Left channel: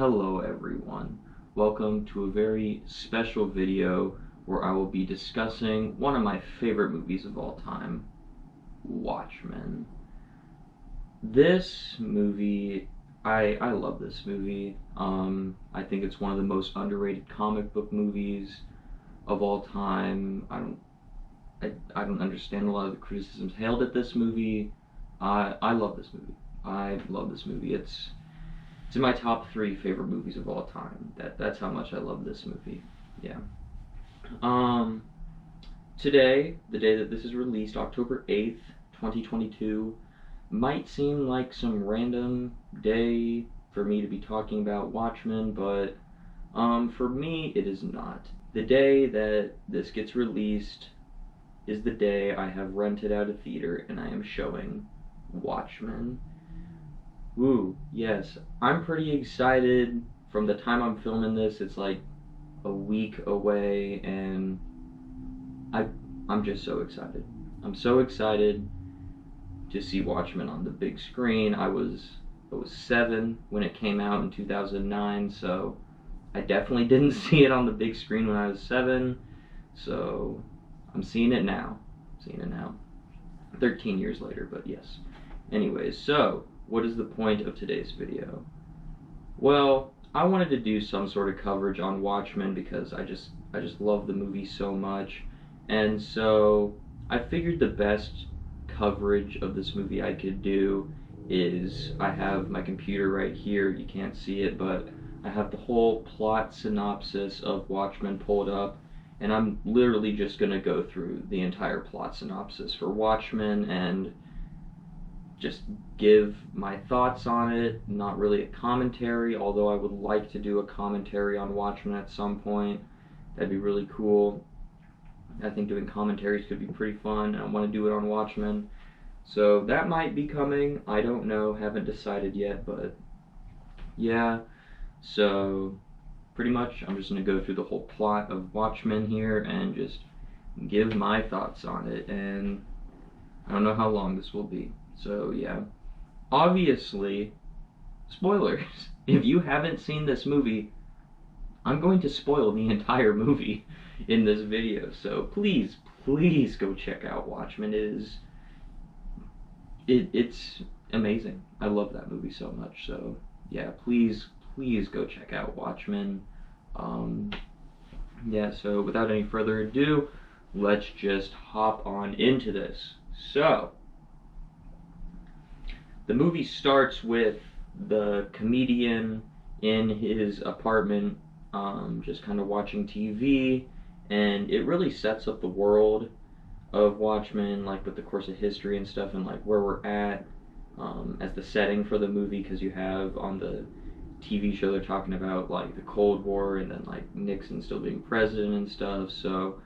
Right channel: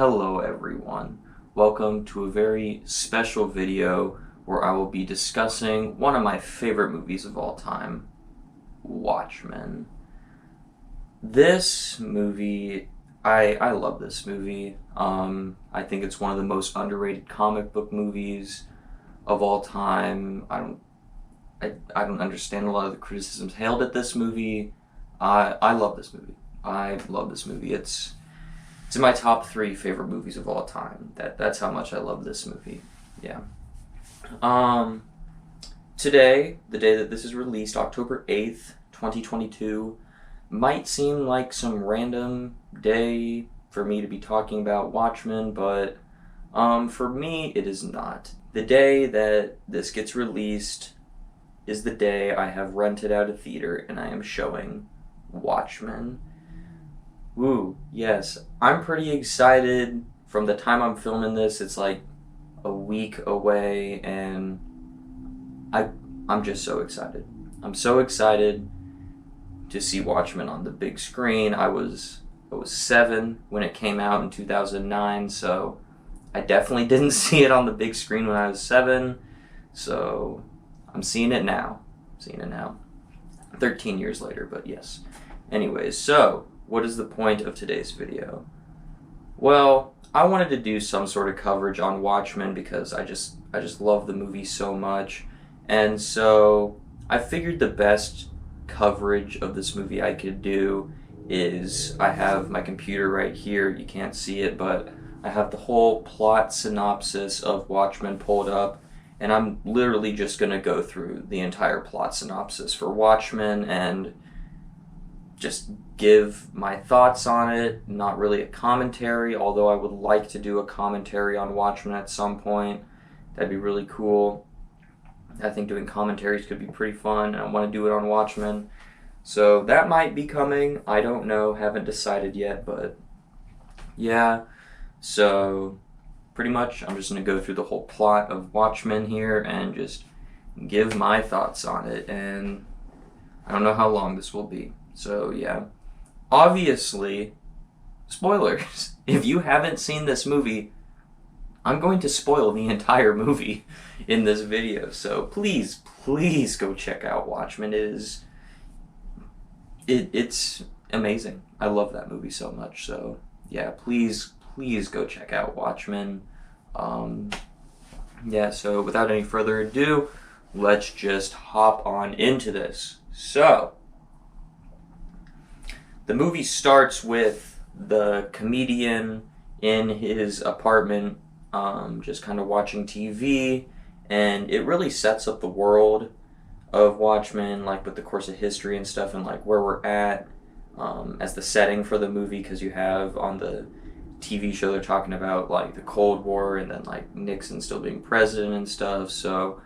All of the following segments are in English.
Hello everyone. Welcome to a very special video where I will be discussing one of my favorite movies of all time, Watchmen. This movie, I love this movie. I think it's one of the most underrated comic book movies of all time. I don't understand a lot of the criticisms hailed at this movie. I love this movie. I love this movie. It's in my top 3 favorite movies of all time. That's how much I love this movie. Yeah. Today, the day that this is released, October 8th, 2022, might seem like some random day for me to be talking about Watchmen, but for me, it is not. The day that this gets released is the day I have rented out a theater and I am showing Watchmen. Ooh, yes. I'm pretty excited. From the time I'm filming this, it's like a week away, and I'm just so excited. I'm so excited to see Watchmen on the big screen. I was 7 when it came out in 2009, so I definitely didn't see it on the big screen when I was 7. So I'm seeing it now. 13 years later, but yes. Anyways, so what is the point of today's video? Well, I wanted to do some sort of coverage on Watchmen because I just love the movie so much. And so I figured the best coverage of this movie I could do is I have my computer right here. You can't see it, but I have the whole plot synopsis of Watchmen pulled up, and I'm literally just going to go through the entire plot synopsis for Watchmen and just give my thoughts on it. Not really a commentary, although I would like to do a commentary on Watchmen at some point. That'd be really cool. I think doing commentaries could be pretty fun, and I want to do it on Watchmen. So that might be coming. I don't know, haven't decided yet, but yeah. So pretty much I'm just going to go through the whole plot of Watchmen here and just give my thoughts on it, and I don't know how long this will be. So yeah, obviously, spoilers. If you haven't seen this movie, I'm going to spoil the entire movie in this video. So please go check out Watchmen. It's amazing. I love that movie so much. So yeah, please go check out Watchmen. Yeah, so without any further ado, let's just hop on into this. So the movie starts with the comedian in his apartment, just kind of watching TV, and it really sets up the world of Watchmen, like with the course of history and stuff, and like where we're at as the setting for the movie, because you have on the TV show they're talking about like the Cold War and then like Nixon still being president and stuff. So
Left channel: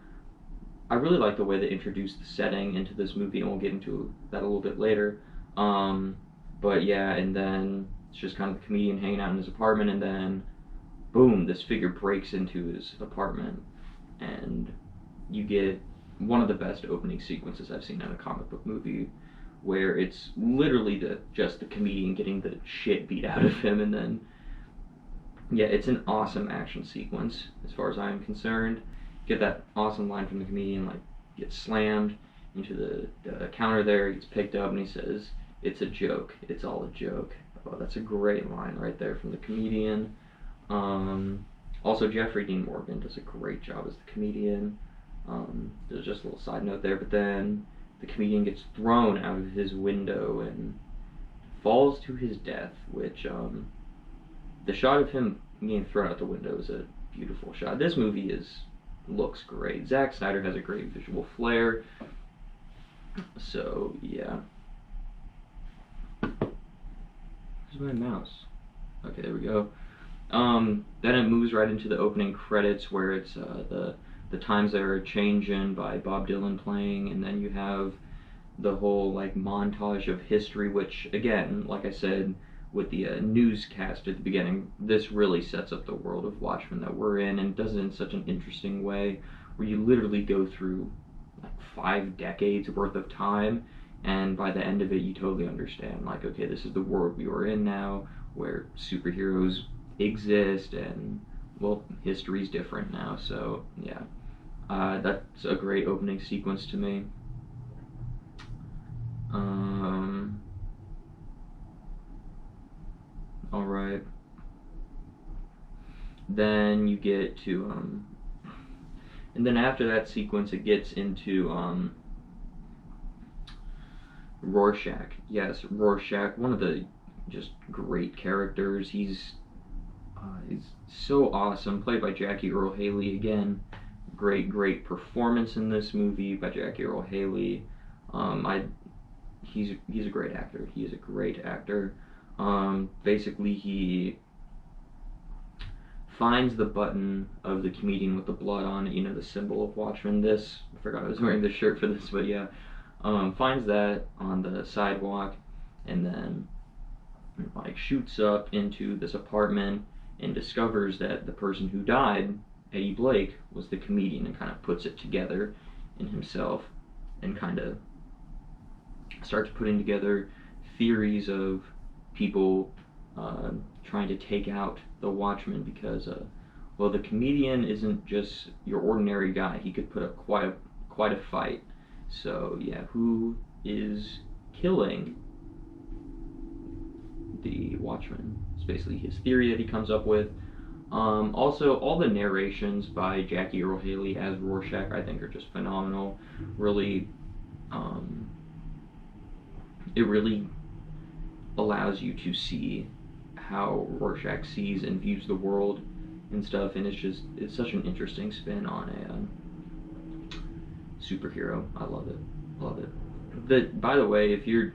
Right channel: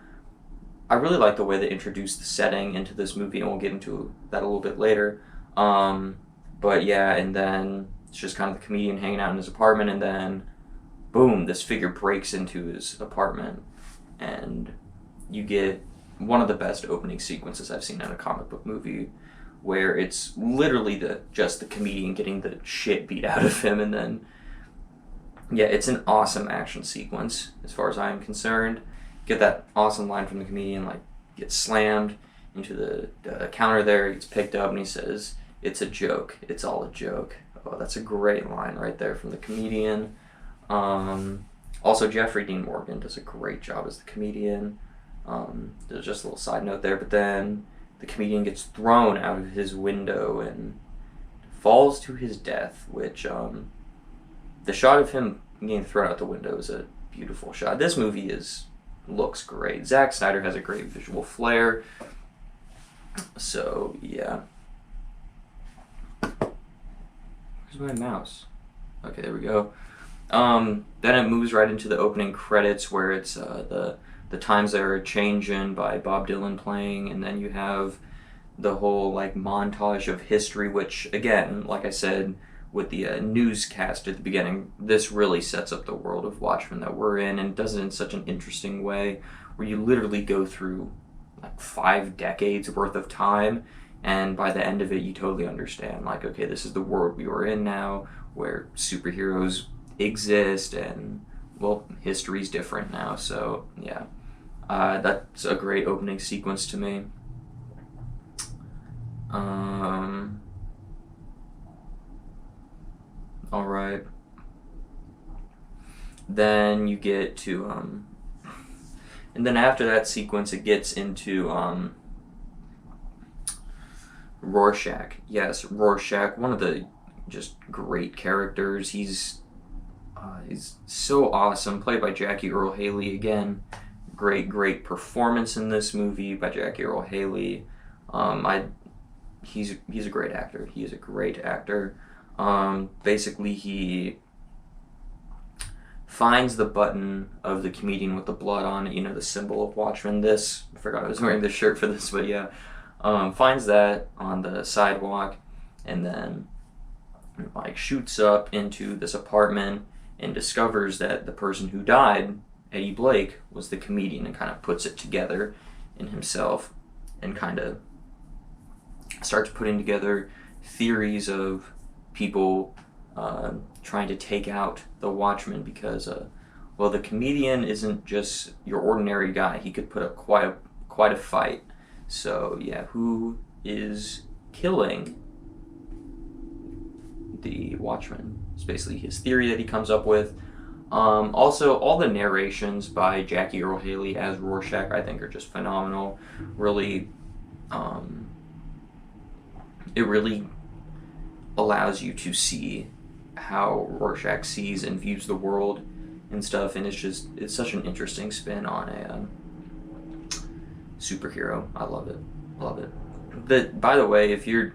I really like the way they introduced the setting into this movie, and we'll get into that a little bit later. But yeah, and then it's just kind of the comedian hanging out in his apartment, and then boom, this figure breaks into his apartment, and you get one of the best opening sequences I've seen in a comic book movie, where it's literally just the comedian getting the shit beat out of him, and then yeah, it's an awesome action sequence as far as I am concerned. Get that awesome line from the comedian, like gets slammed into the counter there, he gets picked up, and he says, "It's a joke. It's all a joke." Oh, that's a great line right there from the comedian. Also, Jeffrey Dean Morgan does a great job as the comedian. There's just a little side note there, but then the comedian gets thrown out of his window and falls to his death, which the shot of him getting thrown out the window is a beautiful shot. This movie looks great. Zack Snyder has a great visual flair. So yeah. Where's my mouse? Okay, there we go. Then it moves right into the opening credits, where it's the Times They Are Changin' by Bob Dylan playing, and then you have the whole like montage of history, which again, like I said, with the newscast at the beginning, this really sets up the world of Watchmen that we're in, and does it in such an interesting way, where you literally go through like 5 decades worth of time, and by the end of it, you totally understand, like, okay, this is the world we were in now, where superheroes exist, and well, history's different now. So yeah, that's a great opening sequence to me. All right. Then you get to and then after that sequence, it gets into Rorschach. Yes, Rorschach, one of the just great characters. He's so awesome, played by Jackie Earle Haley again. Great performance in this movie by Jackie Earle Haley. He's a great actor. He is a great actor. Basically, he finds the button of the comedian with the blood on it, you know, the symbol of Watchmen. I forgot I was wearing this shirt for this, but yeah. Finds that on the sidewalk, and then like shoots up into this apartment and discovers that the person who died, Eddie Blake, was the comedian, and kind of puts it together in himself and kind of starts putting together theories of people trying to take out the Watchmen because well, the comedian isn't just your ordinary guy. He could put up quite a fight. So yeah, who is killing the Watchmen? It's basically his theory that he comes up with. Also, all the narrations by Jackie Earle Haley as Rorschach, I think, are just phenomenal. Really, it really allows you to see how Rorschach sees and views the world and stuff, and it's such an interesting spin on a superhero. I love it. By the way, if you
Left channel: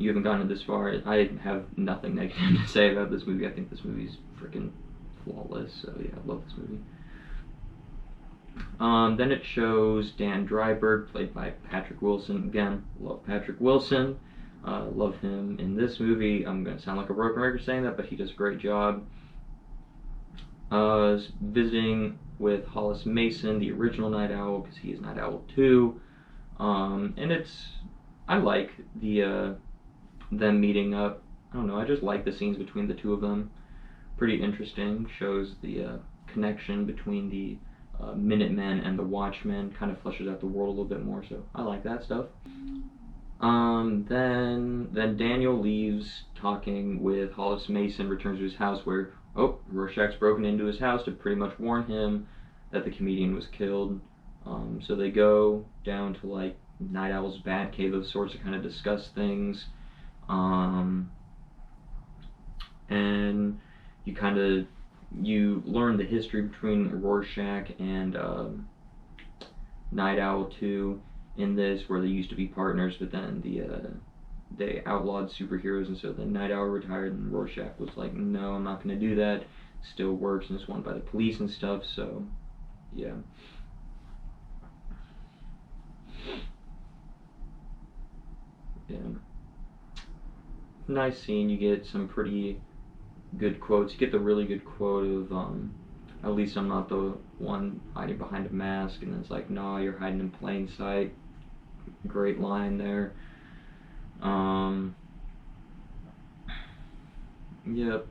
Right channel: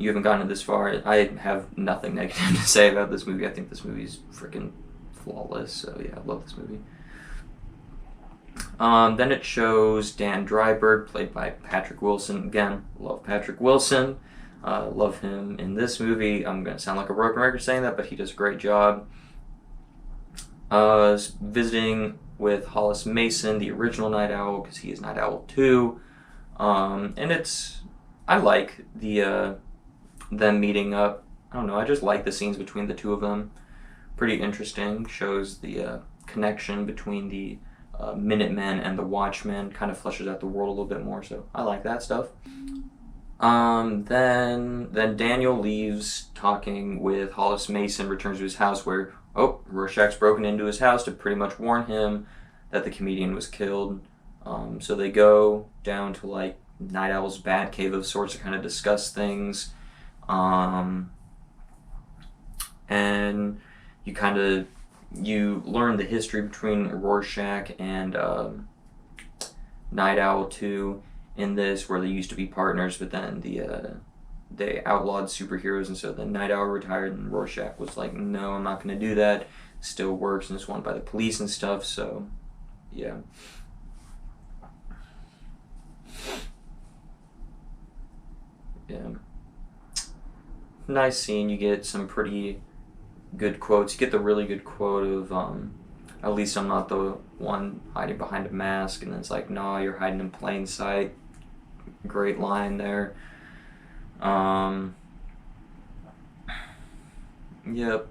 haven't gotten this far, I have nothing negative to say about this movie. I think this movie's freaking flawless. So yeah, I love this movie. Then it shows Dan Dryberg, played by Patrick Wilson. Again, love Patrick Wilson. Love him in this movie. I'm going to sound like a broken record saying that, but he does a great job. Visiting with Hollis Mason, the original Night Owl, because he is Night Owl 2. And I like them meeting up. I don't know, I just like the scenes between the two of them. Pretty interesting. Shows the connection between the Minutemen and the Watchmen. Kind of fleshes out the world a little bit more, so I like that stuff. Then Daniel leaves talking with Hollis Mason, returns to his house where, Rorschach's broken into his house to pretty much warn him that the comedian was killed. So they go down to like Night Owl's bat cave of sorts to kind of discuss things. And you learn the history between Rorschach and Night Owl 2 in this, where they used to be partners, but then they outlawed superheroes, and so then Night Owl retired, and Rorschach was like, no, I'm not going to do that. Still works, and it's wanted by the police and stuff, so yeah. Yeah. Nice scene. You get some pretty good quotes. You get the really good quote of, at least I'm not the one hiding behind a mask, and then it's like, no, you're hiding in plain sight. Great line there. Yep.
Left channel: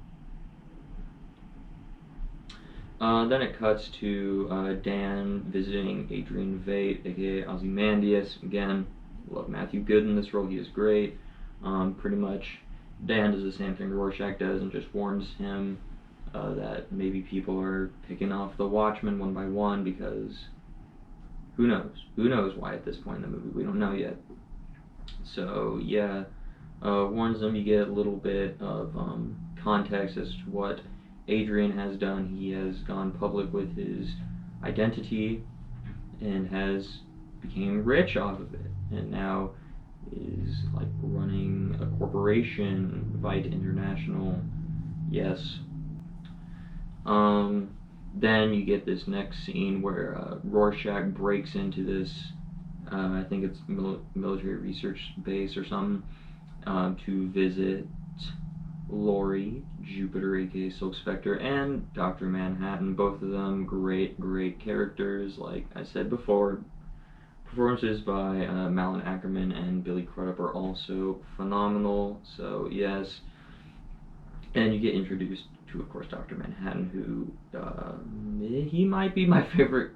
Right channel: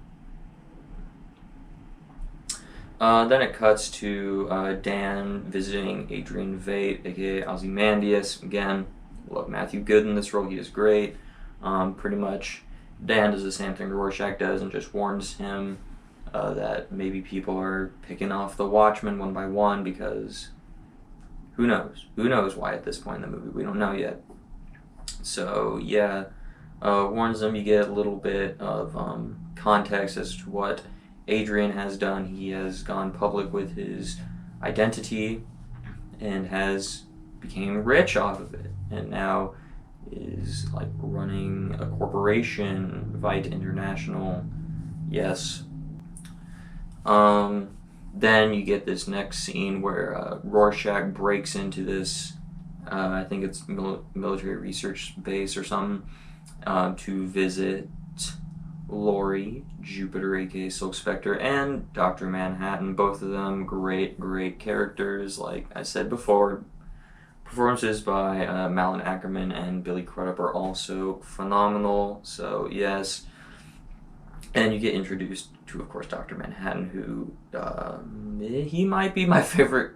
Then it cuts to Dan visiting Adrian Veidt, aka Ozymandias. Again, love Matthew Good in this role. He is great. Pretty much, Dan does the same thing Rorschach does and just warns him that maybe people are picking off the Watchmen one by one, because who knows? Who knows why at this point in the movie? We don't know yet. So yeah, warns them. You get a little bit of context as to what Adrian has done. He has gone public with his identity and has became rich off of it, and now is like running a corporation, Veidt International. Yes. Then you get this next scene where Rorschach breaks into this, I think it's military research base or something, to visit Laurie, Jupiter, aka Silk Spectre, and Dr. Manhattan. Both of them great characters. Like I said before, performances by Malin Ackerman and Billy Crudup are also phenomenal. So yes, And you get introduced to, of course, Dr. Manhattan, who he might be my favorite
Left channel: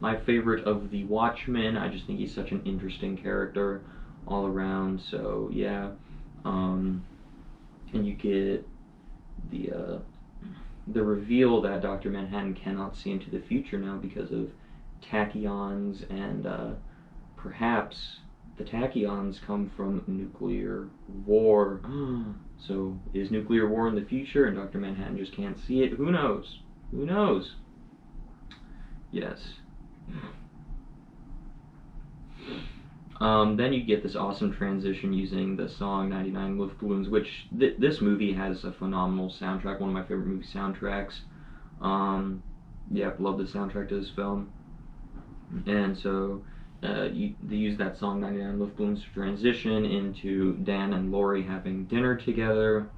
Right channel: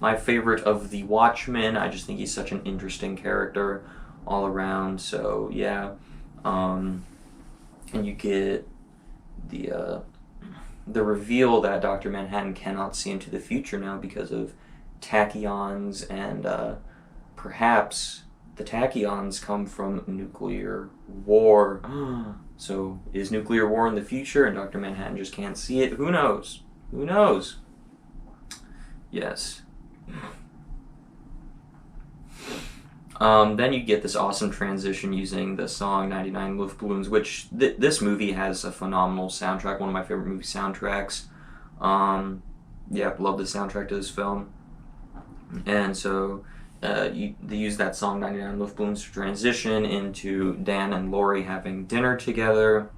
of the Watchmen. I just think he's such an interesting character all around. So yeah, and you get the reveal that Dr. Manhattan cannot see into the future now because of tachyons, and perhaps the tachyons come from nuclear war. So is nuclear war in the future and Dr. Manhattan just can't see it? Who knows? Who knows? Yes. Then you get this awesome transition using the song 99 Luftballons, which this movie has a phenomenal soundtrack, one of my favorite movie soundtracks. Yeah, love the soundtrack to this film. And so they use that song 99 Luftballons to transition into Dan and Laurie having dinner together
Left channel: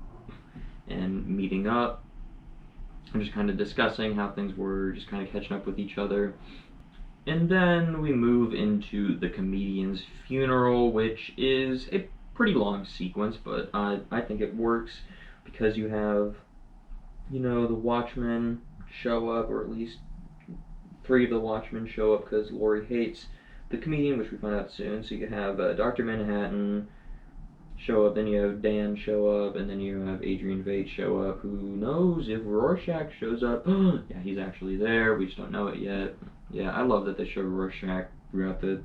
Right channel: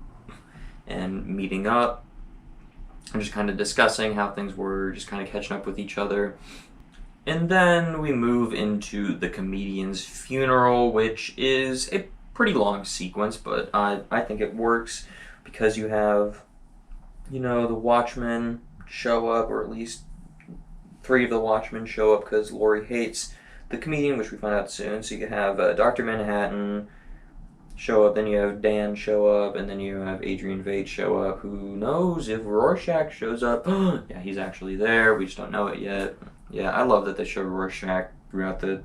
and meeting up and just kind of discussing how things were, just kind of catching up with each other. And then we move into the comedian's funeral, which is a pretty long sequence, but I think it works because you have, the Watchmen show up, or at least 3 of the Watchmen show up because Laurie hates the comedian, which we find out soon. So you have Dr. Manhattan show up, then you have Dan show up, and then you have Adrian Veidt show up. Who knows if Rorschach shows up? Yeah, he's actually there. We just don't know it yet. Yeah, I love that they show Rorschach throughout the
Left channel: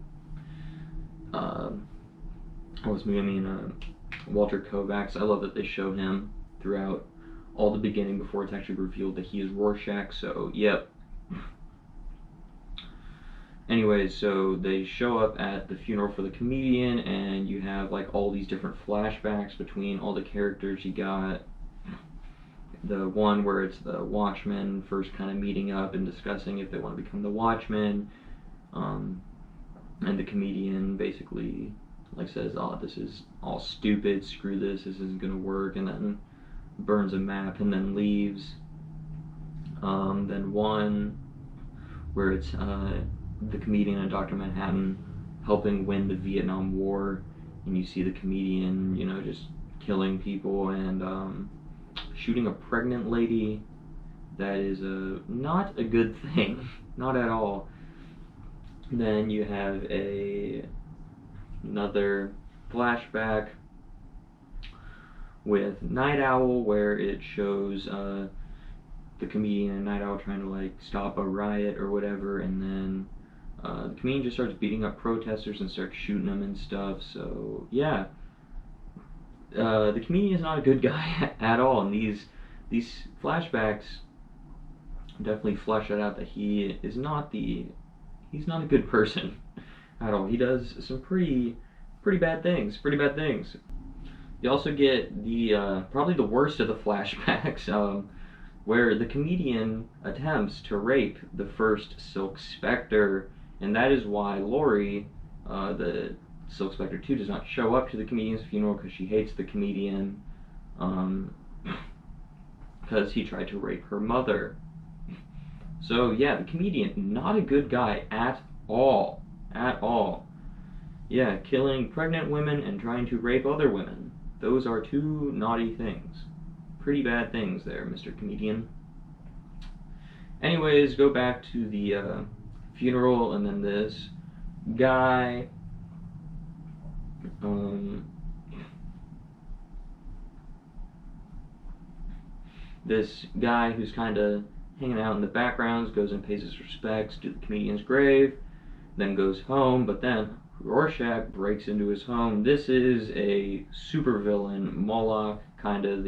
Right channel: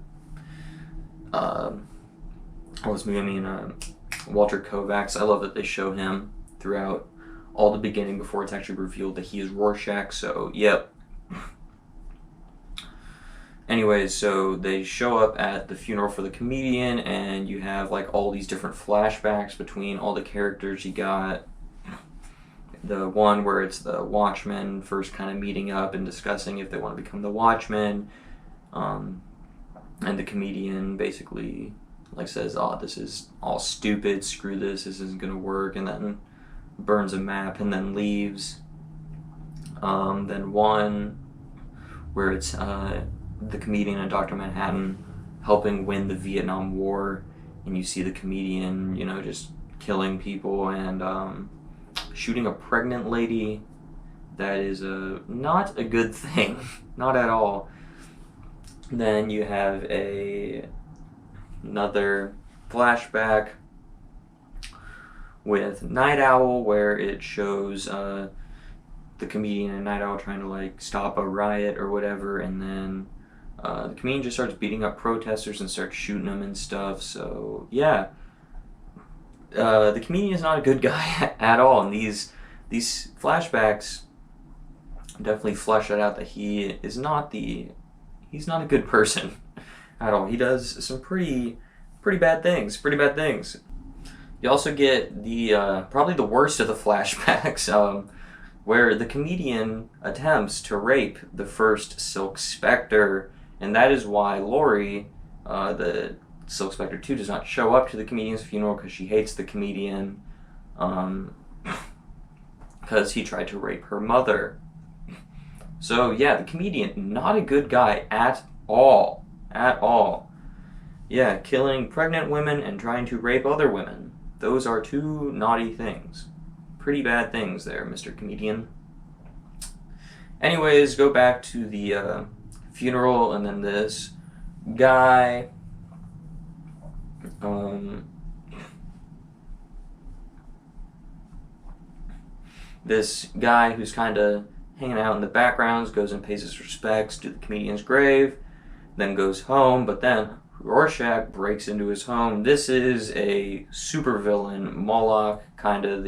Walter Kovacs. I love that they show him throughout all the beginning before it's actually revealed that he is Rorschach. So, yep. Anyways, so they show up at the funeral for the comedian, and you have like all these different flashbacks between all the characters. You got the one where it's the Watchmen first kind of meeting up and discussing if they want to become the Watchmen, and the comedian basically says, "Oh, this is all stupid. Screw this. This isn't gonna work," and then burns a map and then leaves. Then one where it's the comedian and Dr. Manhattan helping win the Vietnam War, and you see the comedian, just killing people and shooting a pregnant lady. That is not a good thing, not at all. Then you have another flashback with Night Owl, where it shows the comedian and Night Owl trying to stop a riot or whatever, and then the comedian just starts beating up protesters and starts shooting them and stuff. So yeah, the comedian is not a good guy at all, and these flashbacks definitely flesh it out that he's not a good person at all. He does some pretty bad things. You also get the probably the worst of the flashbacks, where the comedian attempts to rape the first Silk Spectre, and that is why Laurie, the Silk Spectre 2, does not show up to the comedian's funeral, because she hates the comedian, because he tried to rape her mother. So yeah, the comedian, not a good guy at all. Yeah, killing pregnant women and trying to rape other women. Those are 2 naughty things. Pretty bad things there, Mr. Comedian. Anyways, go back to the funeral, and then this guy, who's kind of hanging out in the backgrounds goes and pays his respects to the comedian's grave, then goes home, but then Rorschach breaks into his home. This is a supervillain, Moloch, kind of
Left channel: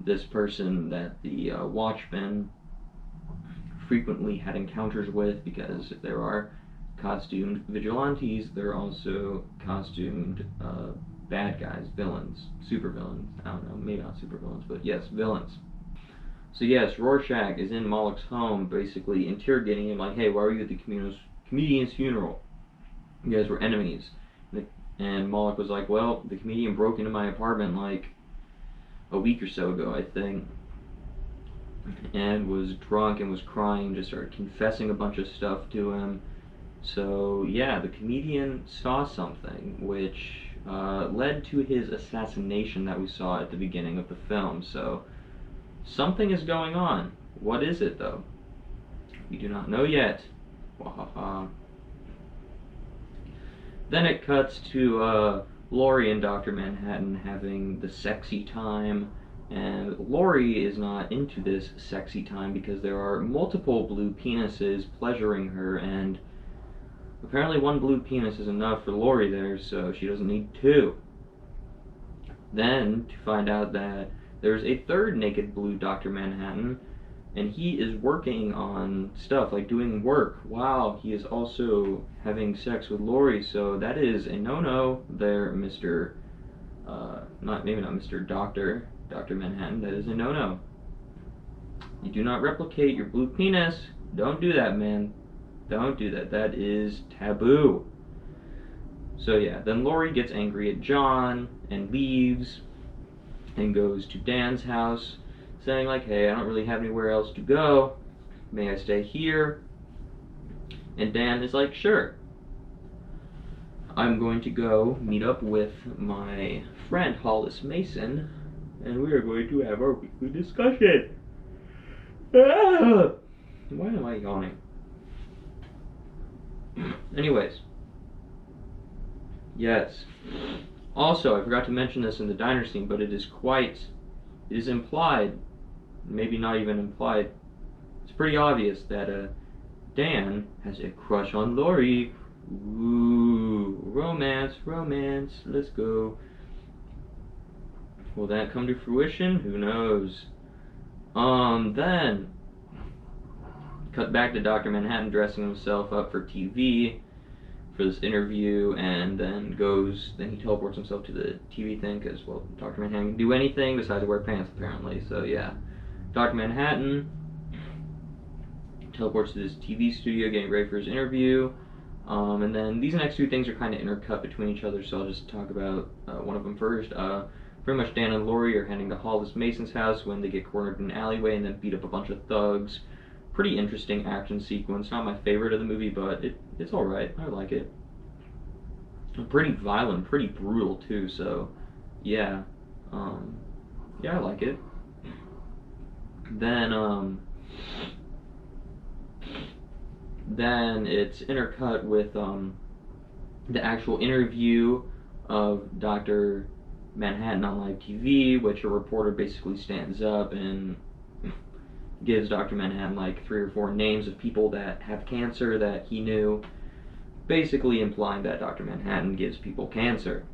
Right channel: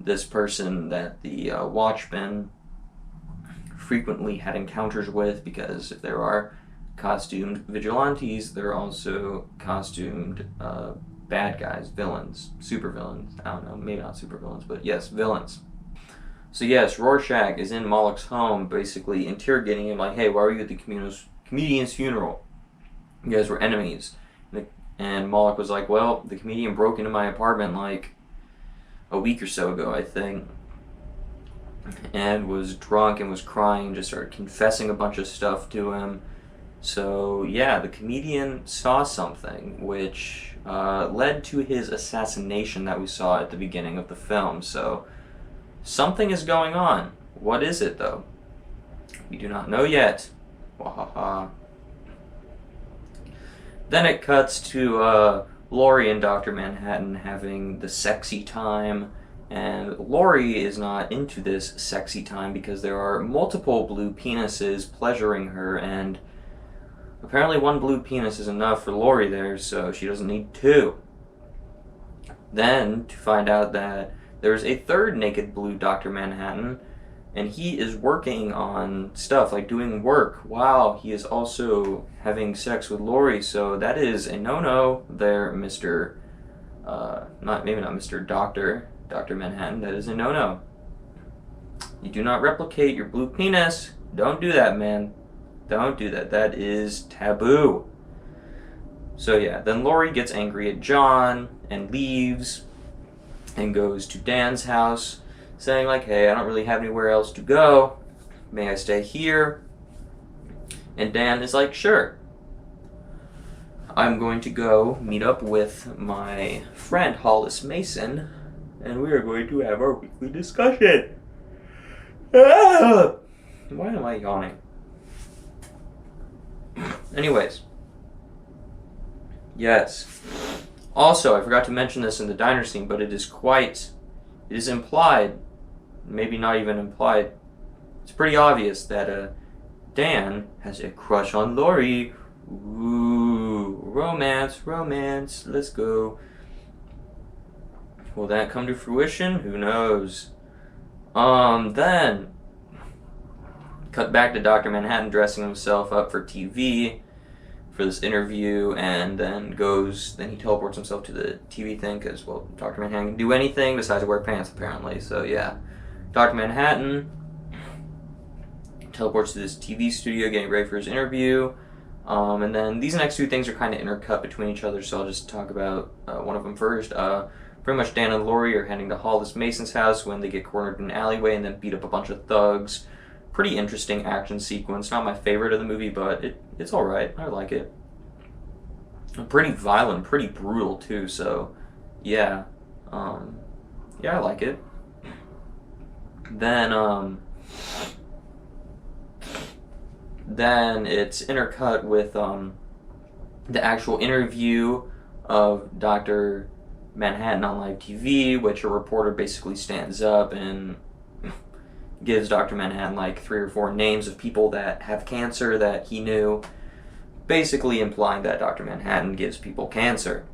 this person that the Watchmen frequently had encounters with, because if there are costumed vigilantes, there are also costumed bad guys, villains, supervillains. I don't know, maybe not supervillains, but yes, villains. So yes, Rorschach is in Moloch's home, basically interrogating him, like, "Hey, why were you at the comedian's funeral? You guys were enemies." And Moloch was like, "Well, the comedian broke into my apartment a week or so ago, I think, and was drunk and was crying, just started confessing a bunch of stuff to him, So, yeah, the comedian saw something which led to his assassination that we saw at the beginning of the film. So, something is going on. What is it, though? We do not know yet. Wahaha. Then it cuts to Laurie and Dr. Manhattan having the sexy time. And Laurie is not into this sexy time because there are multiple blue penises pleasuring her, and apparently one blue penis is enough for Laurie there, so she doesn't need two. Then, to find out that there's a third naked blue Dr. Manhattan, and he is working on stuff, like doing work, while he is also having sex with Laurie, so that is a no-no there, Mr. Maybe not Mr. Dr. Manhattan, that is a no-no. You do not replicate your blue penis. Don't do that, man. Don't do that. That is taboo. So yeah, then Laurie gets angry at John and leaves and goes to Dan's house, saying like, hey, I don't really have anywhere else to go. May I stay here? And Dan is like, sure. I'm going to go meet up with my friend Hollis Mason, and we are going to have our weekly discussion. Ah! Why am I yawning? Anyways. Yes. Also, I forgot to mention this in the diner scene, but it is implied, maybe not even implied, it's pretty obvious that Dan has a crush on Laurie. Ooh, romance, let's go. Will that come to fruition? Who knows? Then cut back to Dr. Manhattan dressing himself up for TV for this interview, and then he teleports himself to the TV thing because, well, Dr. Manhattan can do anything besides wear pants, apparently. So, yeah. Dr. Manhattan teleports to this TV studio getting ready for his interview. And then these next two things are kind of intercut between each other, so I'll just talk about one of them first. Pretty much Dan and Laurie are heading to Hollis Mason's house when they get cornered in an alleyway and then beat up a bunch of thugs. Pretty interesting action sequence. Not my favorite of the movie, but it's alright. I like it. Pretty violent, pretty brutal too, so yeah. Yeah, I like it. Then it's intercut with the actual interview of Dr. Manhattan on live TV, which a reporter basically stands up and gives Dr. Manhattan like 3 or 4 names of people that have cancer that he knew, basically implying that Dr. Manhattan gives people cancer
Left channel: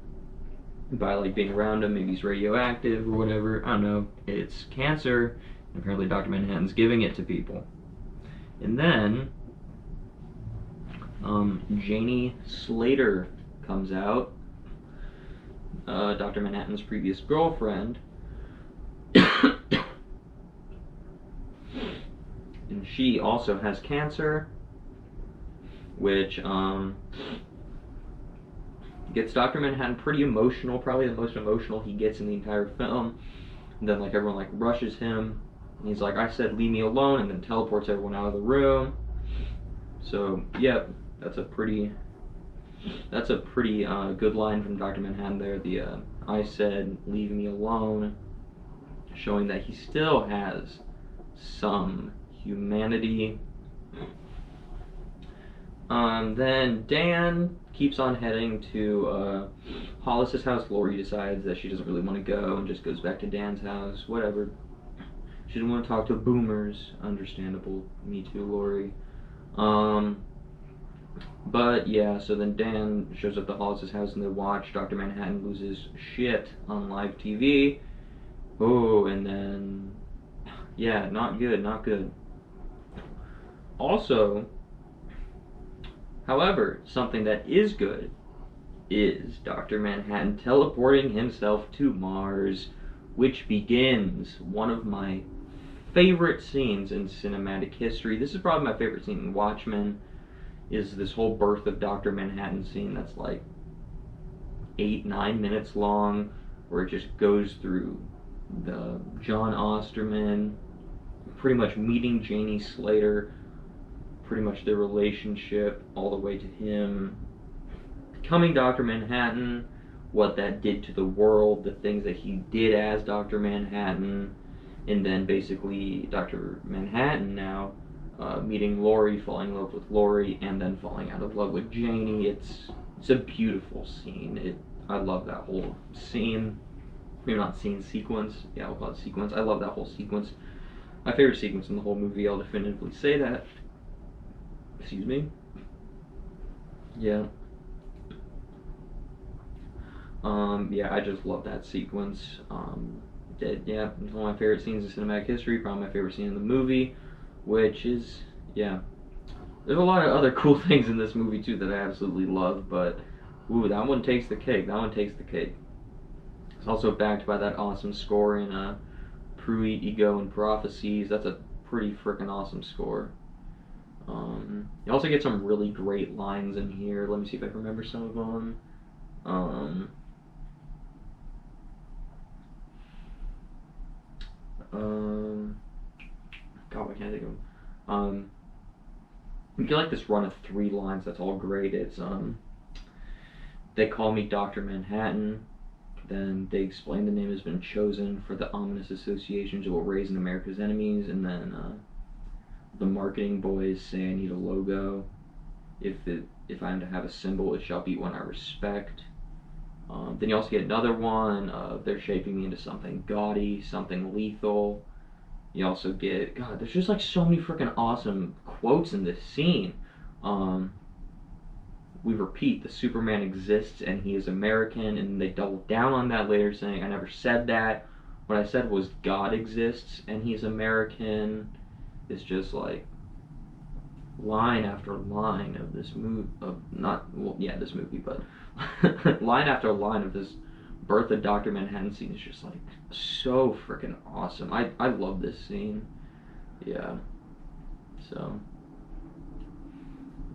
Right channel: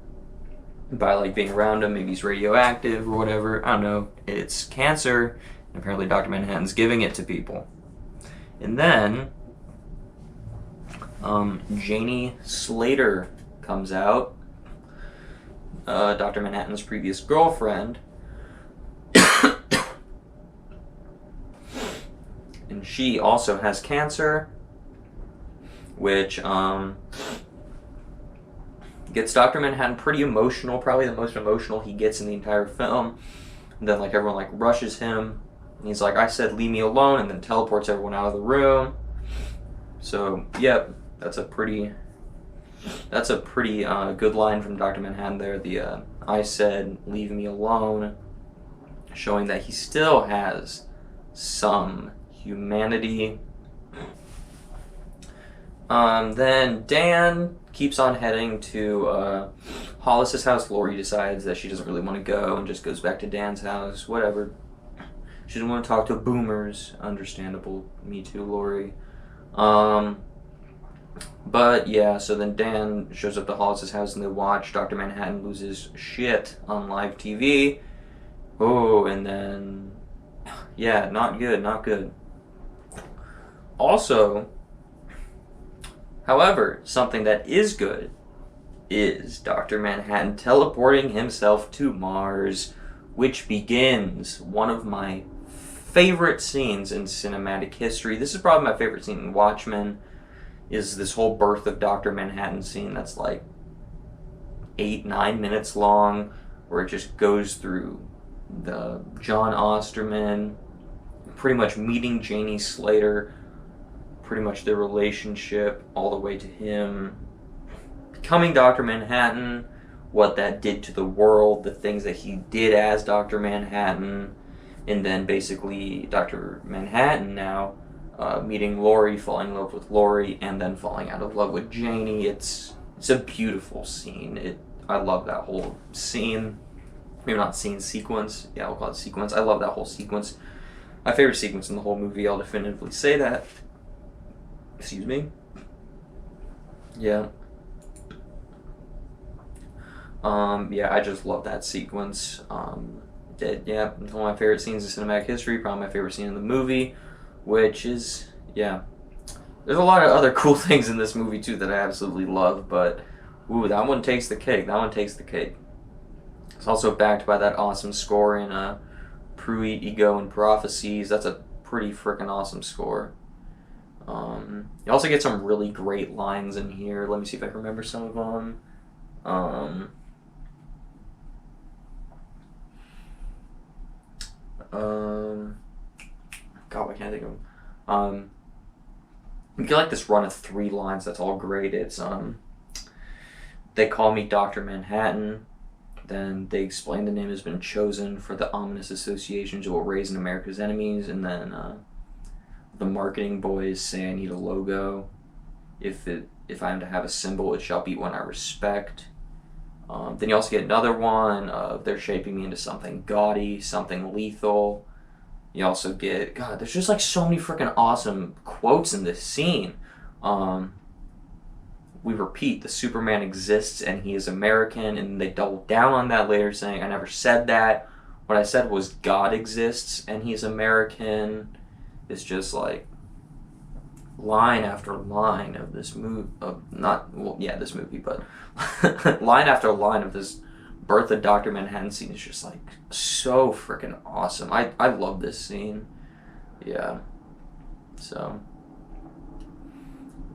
by like being around him. Maybe he's radioactive or whatever. I don't know. It's cancer. And apparently Dr. Manhattan's giving it to people. And then Janie Slater comes out, Dr. Manhattan's previous girlfriend, and she also has cancer, which gets Dr. Manhattan pretty emotional, probably the most emotional he gets in the entire film. And then like everyone like rushes him, and he's like, I said leave me alone, and then teleports everyone out of the room. So yep, that's a pretty good line from Dr. Manhattan there. The I said leave me alone, showing that he still has some humanity. Then Dan keeps on heading to Hollis's house. Laurie decides that she doesn't really want to go and just goes back to Dan's house. Whatever. She doesn't want to talk to boomers. Understandable. Me too, Laurie. But yeah, so then Dan shows up to Hollis's house and they watch Dr. Manhattan lose his shit on live TV. Oh, and then yeah, not good. Also, however, something that is good is Dr. Manhattan teleporting himself to Mars, which begins one of my favorite scenes in cinematic history. This is probably my favorite scene in Watchmen, is this whole birth of Dr. Manhattan scene that's like 8-9 minutes long, where it just goes through the John Osterman pretty much meeting Janie Slater, pretty much their relationship all the way to him becoming Dr. Manhattan, what that did to the world, the things that he did as Dr. Manhattan, and then basically Dr. Manhattan now meeting Laurie, falling in love with Laurie, and then falling out of love with Janie. It's a beautiful scene. I love that whole scene. Maybe not scene, sequence. Yeah, I'll call it sequence. I love that whole sequence. My favorite sequence in the whole movie, I'll definitively say that. Excuse me. Yeah. Yeah, I just love that sequence. Yeah, it's one of my favorite scenes in cinematic history, probably my favorite scene in the movie, which is, yeah. There's a lot of other cool things in this movie, too, that I absolutely love, but, ooh, that one takes the cake. That one takes the cake. It's also backed by that awesome score in Pruitt, Ego, and Prophecies. That's a pretty freaking awesome score. You also get some really great lines in here. Let me see if I can remember some of them. God, why can't I think of them? You get like this run of 3 lines that's all great. It's they call me Dr. Manhattan. Then they explain the name has been chosen for the ominous associations it will raise in America's enemies. And then the marketing boys say I need a logo. If I am to have a symbol, it shall be one I respect. Then you also get another one of they're shaping me into something gaudy, something lethal. You also get, God, there's just like so many freaking awesome quotes in this scene. We repeat, the Superman exists and he is American, and they double down on that later, saying, I never said that. What I said was God exists and he's American. It's just like line after line of this movie, this movie, but line after line of this birth of Dr. Manhattan scene is just like so freaking awesome. I love this scene. Yeah. So,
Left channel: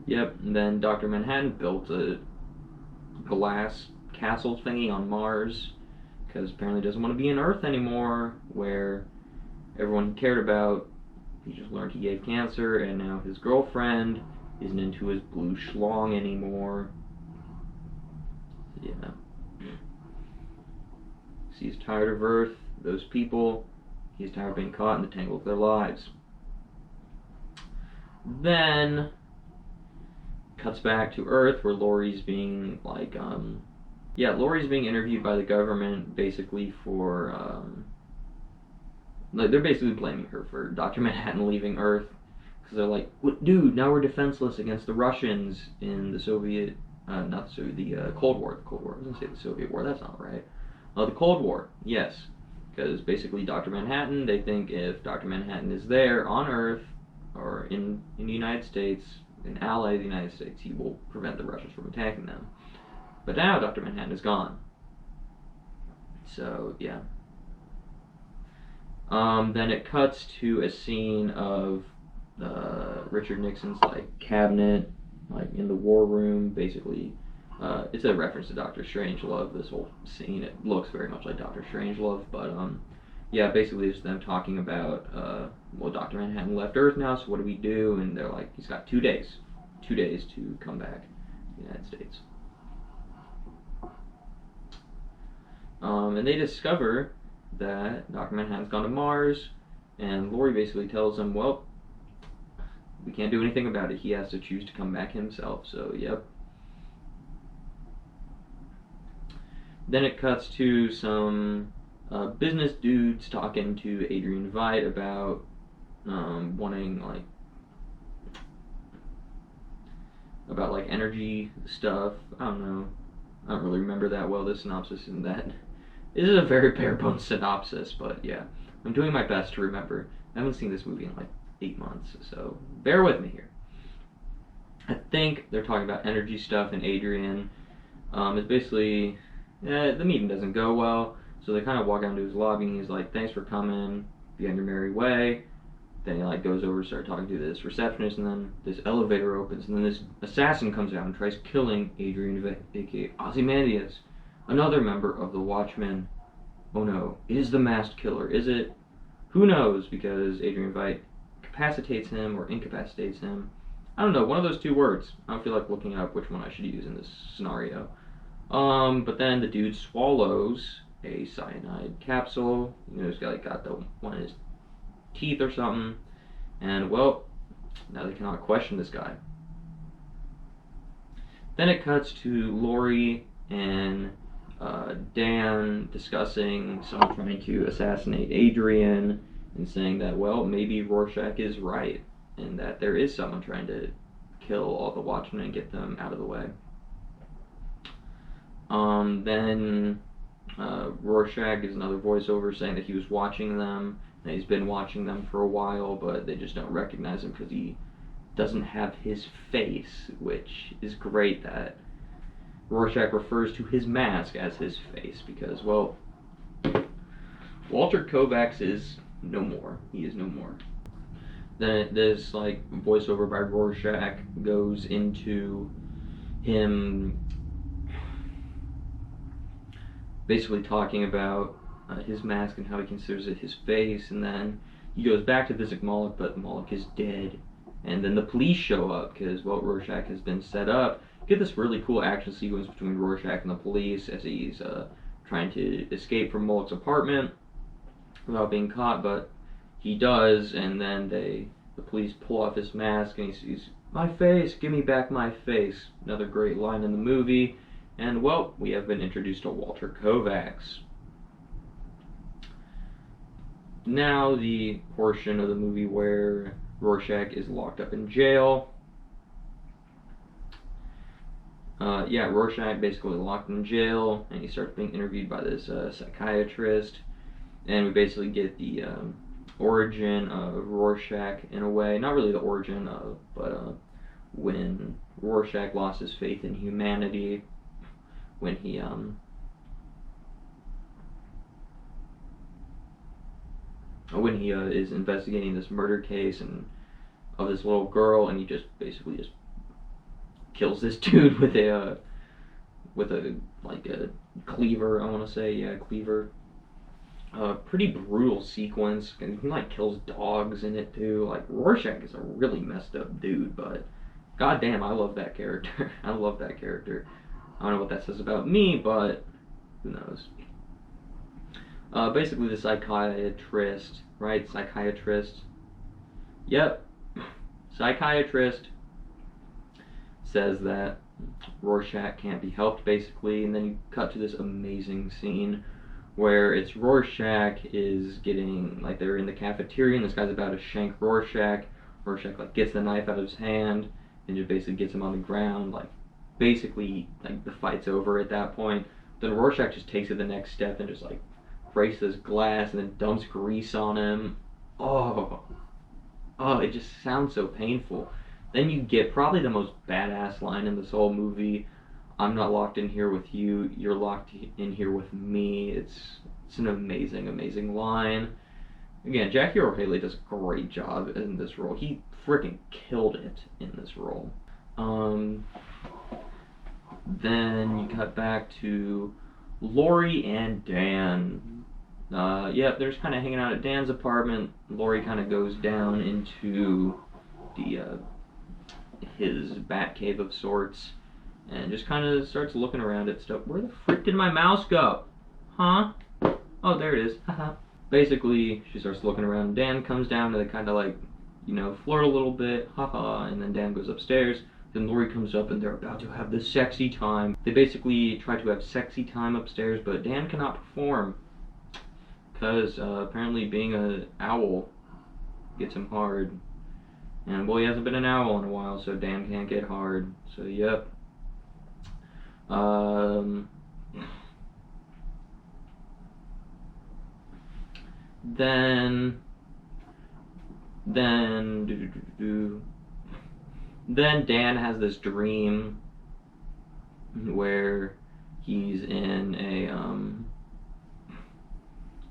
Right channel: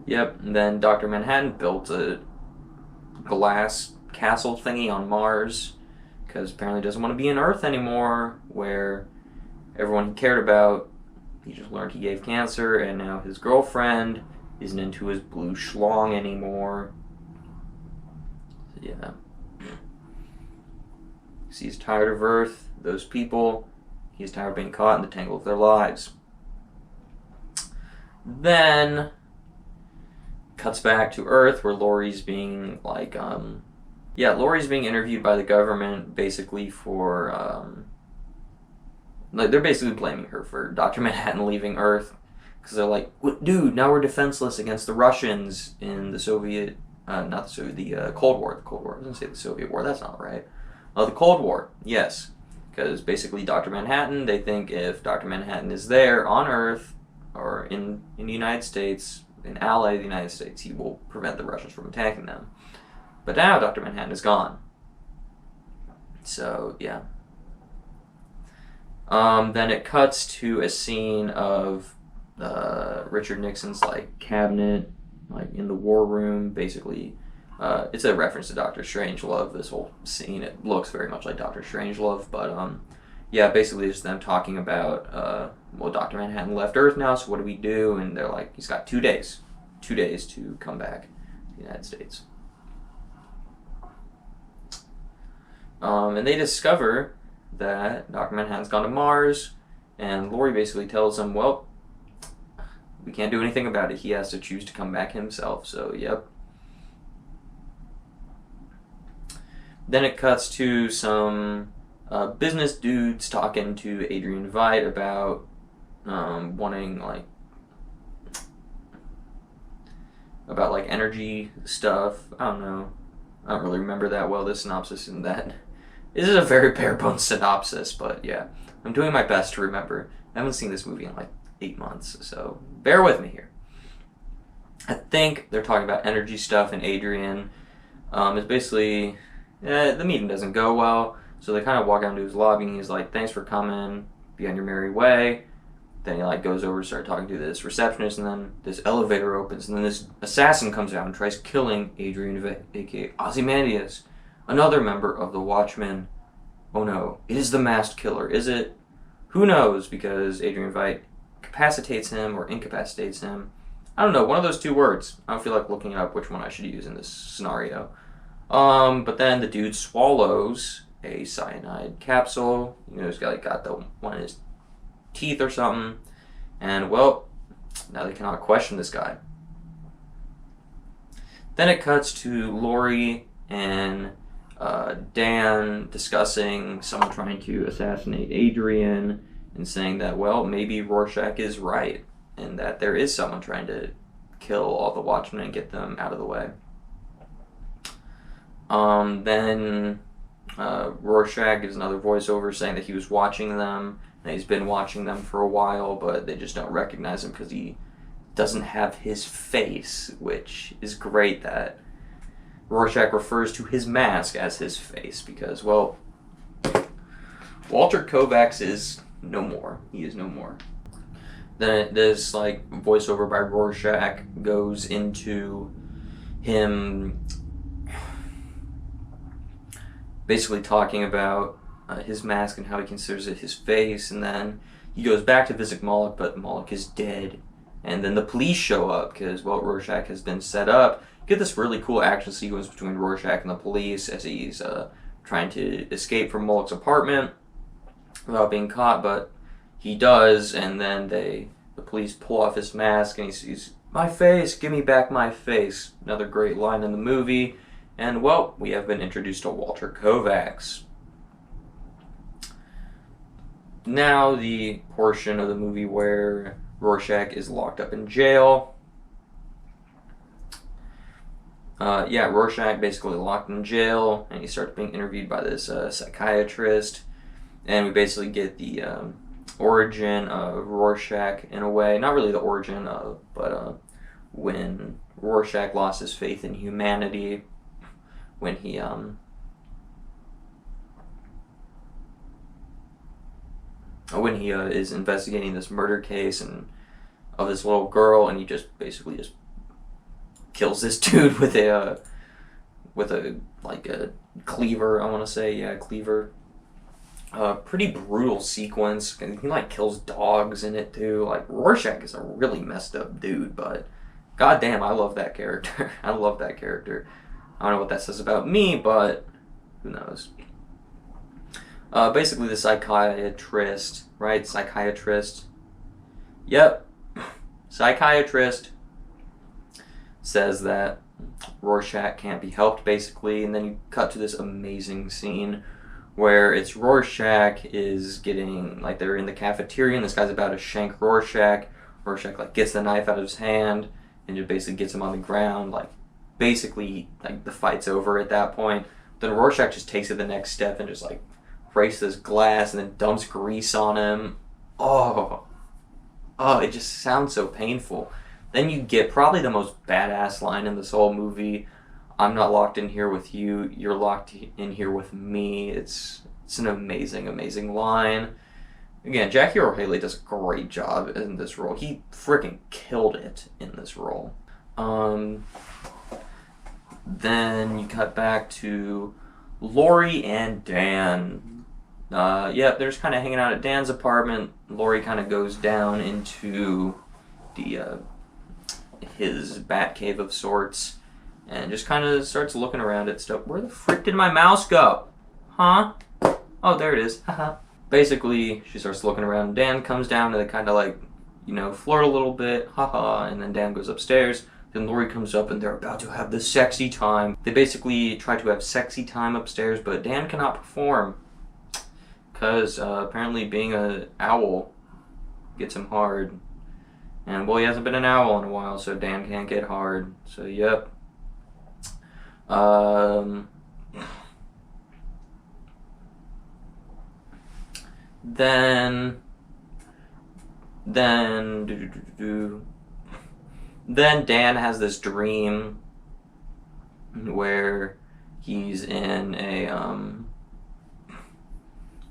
yep. And then Dr. Manhattan built a glass castle thingy on Mars because apparently doesn't want to be on Earth anymore, where everyone he cared about, he just learned he gave cancer, and now his girlfriend isn't into his blue schlong anymore. Yeah. He's tired of Earth, those people. He's tired of being caught in the tangle of their lives. Then cuts back to Earth, where Laurie's being like, Laurie's being interviewed by the government, basically for, they're basically blaming her for Dr. Manhattan leaving Earth, because they're like, dude, now we're defenseless against the Russians in the Soviet, the Cold War. The Cold War. I was going to say the Soviet War. That's not right. The Cold War, yes. Because basically Dr. Manhattan, they think if Dr. Manhattan is there on Earth, or in the United States, an ally of the United States, he will prevent the Russians from attacking them. But now Dr. Manhattan is gone. So, yeah. Then it cuts to a scene of Richard Nixon's like cabinet, like in the war room. Basically, it's a reference to Doctor Strangelove. This whole scene, it looks very much like Doctor Strangelove, but basically it's them talking about Dr. Manhattan left Earth now, so what do we do? And they're like, he's got 2 days to come back to the United States. And they discover that Dr. Manhattan's gone to Mars, and Laurie basically tells him, well, we can't do anything about it. He has to choose to come back himself, so yep. Then it cuts to some business dudes talking to Adrian Veidt about wanting about energy stuff. I don't know. I don't really remember that well, this synopsis and that. This is a very bare bones synopsis, but yeah. I'm doing my best to remember. I haven't seen this movie in 8 months, so bear with me here. I think they're talking about energy stuff, and Adrian is basically, the meeting doesn't go well, so they kind of walk down to his lobby, and he's like, thanks for coming, be on your merry way. Then he goes over to start talking to this receptionist, and then this elevator opens, and then this assassin comes out and tries killing Adrian Veidt, aka Ozymandias, another member of the Watchmen. Oh no, it is the masked killer, is it? Who knows, because Adrian Veidt incapacitates him, I don't know, one of those two words. I don't feel like looking up which one I should use in this scenario. But then the dude swallows a cyanide capsule. He's got the one in his teeth or something. And, well, now they cannot question this guy. Then it cuts to Lori and Dan discussing someone trying to assassinate Adrian and saying that, well, maybe Rorschach is right and that there is someone trying to kill all the Watchmen and get them out of the way. Then Rorschach gives another voiceover saying that he was watching them, and he's been watching them for a while, but they just don't recognize him because he doesn't have his face, which is great that Rorschach refers to his mask as his face because, well, Walter Kovacs is no more. He is no more. Then this voiceover by Rorschach goes into him basically talking about his mask and how he considers it his face, and then he goes back to visit Moloch, but Moloch is dead. And then the police show up because, well, Rorschach has been set up. Get this really cool action sequence between Rorschach and the police as he's trying to escape from Moloch's apartment without being caught, but he does, and then the police pull off his mask and he's, my face, give me back my face. Another great line in the movie. And, well, we have been introduced to Walter Kovacs. Now the portion of the movie where Rorschach is locked up in jail. Rorschach basically locked in jail, and he starts being interviewed by this psychiatrist. And we basically get the origin of Rorschach in a way. Not really the origin of, but when Rorschach lost his faith in humanity, when he is investigating this murder case and of this little girl, and he just basically just kills this dude with a cleaver. I want to say, cleaver. Pretty brutal sequence. He kills dogs in it too. Rorschach is a really messed up dude, but goddamn, I love that character. I love that character. I don't know what that says about me, but who knows. Basically the psychiatrist, right? Psychiatrist. Yep. Psychiatrist says that Rorschach can't be helped, basically, and then you cut to this amazing scene where it's Rorschach is getting, they're in the cafeteria and this guy's about to shank Rorschach. Rorschach, gets the knife out of his hand and just basically gets him on the ground, basically, the fight's over at that point. Then Rorschach just takes it the next step and just, breaks this glass and then dumps grease on him. Oh, it just sounds so painful. Then you get probably the most badass line in this whole movie. I'm not locked in here with you. You're locked in here with me. It's an amazing, amazing line. Again, Jackie Earle Haley does a great job in this role. He freaking killed it in this role. Then you cut back to Lori and Dan. They're just kind of hanging out at Dan's apartment. Lori kind of goes down into his bat cave of sorts and just kind of starts looking around at stuff. Where the frick did my mouse go? Huh? Oh, there it is. Haha. Basically, she starts looking around. Dan comes down and they kind of flirt a little bit. Haha. And then Dan goes upstairs. Then Lori comes up and they're about to have the sexy time. They basically try to have sexy time upstairs, but Dan cannot perform because apparently being an owl gets him hard. And, well, he hasn't been an owl in a while, so Dan can't get hard. So, yep. Then Dan has this dream where he's in a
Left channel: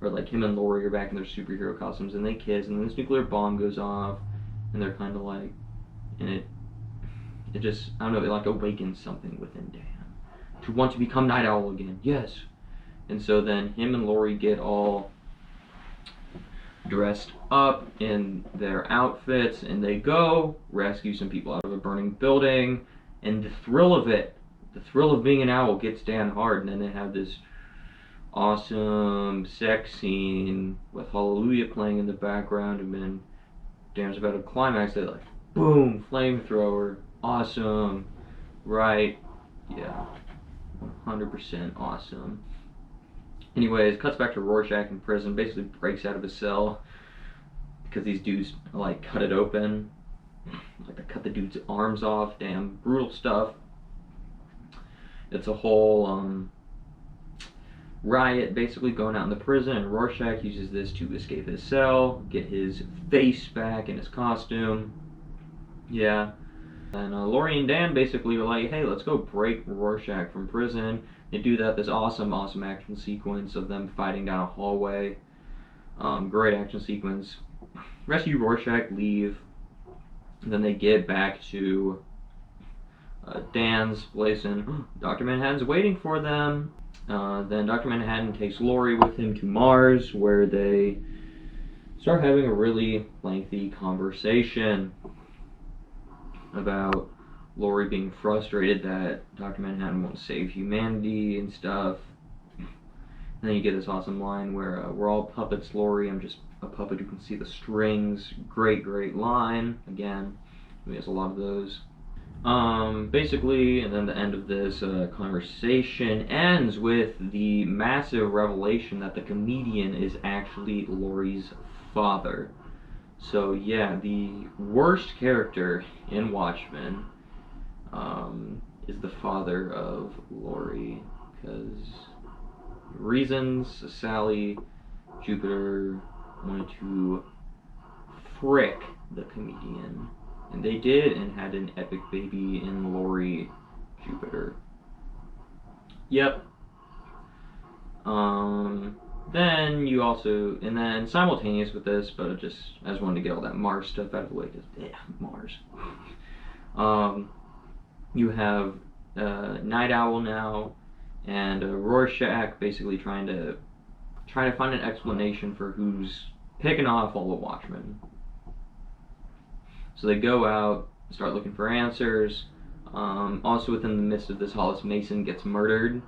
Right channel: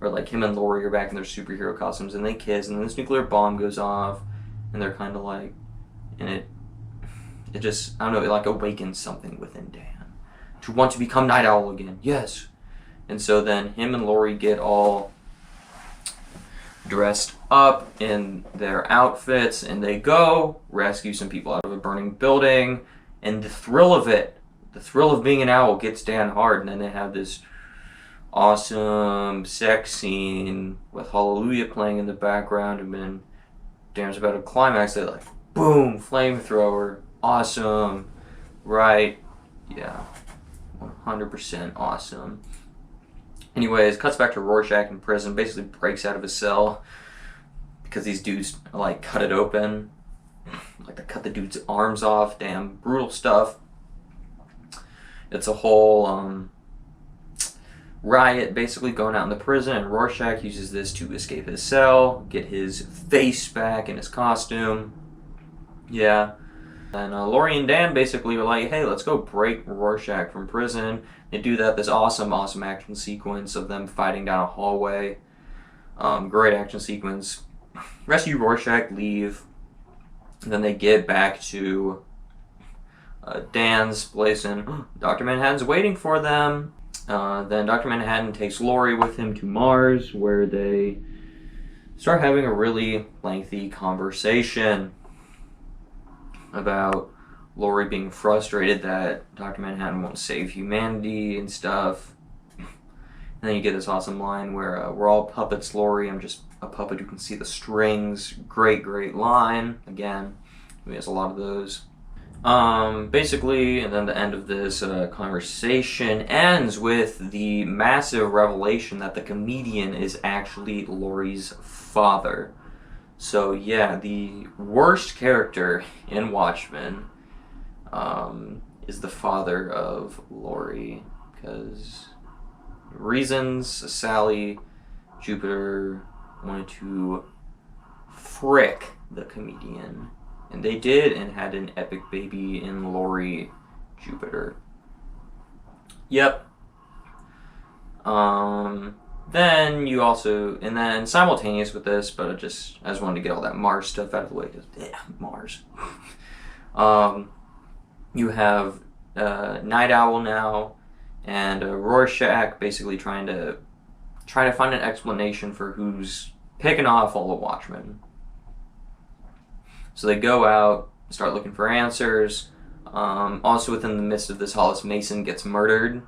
or him and Lori are back in their superhero costumes and they kiss, and then this nuclear bomb goes off and they're kind of and it just, I don't know, it awakens something within Dan to want to become Night Owl again. Yes. And so then him and Lori get all dressed up in their outfits, and they go rescue some people out of a burning building. And the thrill of it, the thrill of being an owl, gets Dan hard. And then they have this awesome sex scene with Hallelujah playing in the background, and then Dan's about to climax. They like, boom, flamethrower, awesome, right? Yeah, 100% awesome. Anyways, cuts back to Rorschach in prison, basically breaks out of his cell because these dudes like cut it open. Like they cut the dude's arms off. Damn, brutal stuff. It's a whole riot basically going out in the prison, and Rorschach uses this to escape his cell, get his face back in his costume. Yeah. And Laurie and Dan basically were like, hey, let's go break Rorschach from prison. They do that, this awesome action sequence of them fighting down a hallway. Great action sequence. Rescue Rorschach, leave. And then they get back to Dan's place, and Dr. Manhattan's waiting for them. Then Dr. Manhattan takes Laurie with him to Mars, where they start having a really lengthy conversation about Laurie being frustrated that Dr. Manhattan won't save humanity and stuff. And then you get this awesome line where we're all puppets, Laurie. I'm just a puppet who can see the strings. Great line. Again, he has a lot of those. Basically, and then the end of this conversation ends with the massive revelation that the comedian is actually Laurie's father. So yeah, the worst character in Watchmen is the father of Laurie, because reasons Sally Jupiter wanted to frick the comedian. And they did, and had an epic baby in Laurie Jupiter. Yep. Then you also, and then simultaneous with this, but I just wanted to get all that Mars stuff out of the way, because, yeah, Mars. You have Night Owl now, and Rorschach basically trying to find an explanation for who's picking off all the Watchmen. So they go out, start looking for answers. Also within the midst of this, Hollis Mason gets murdered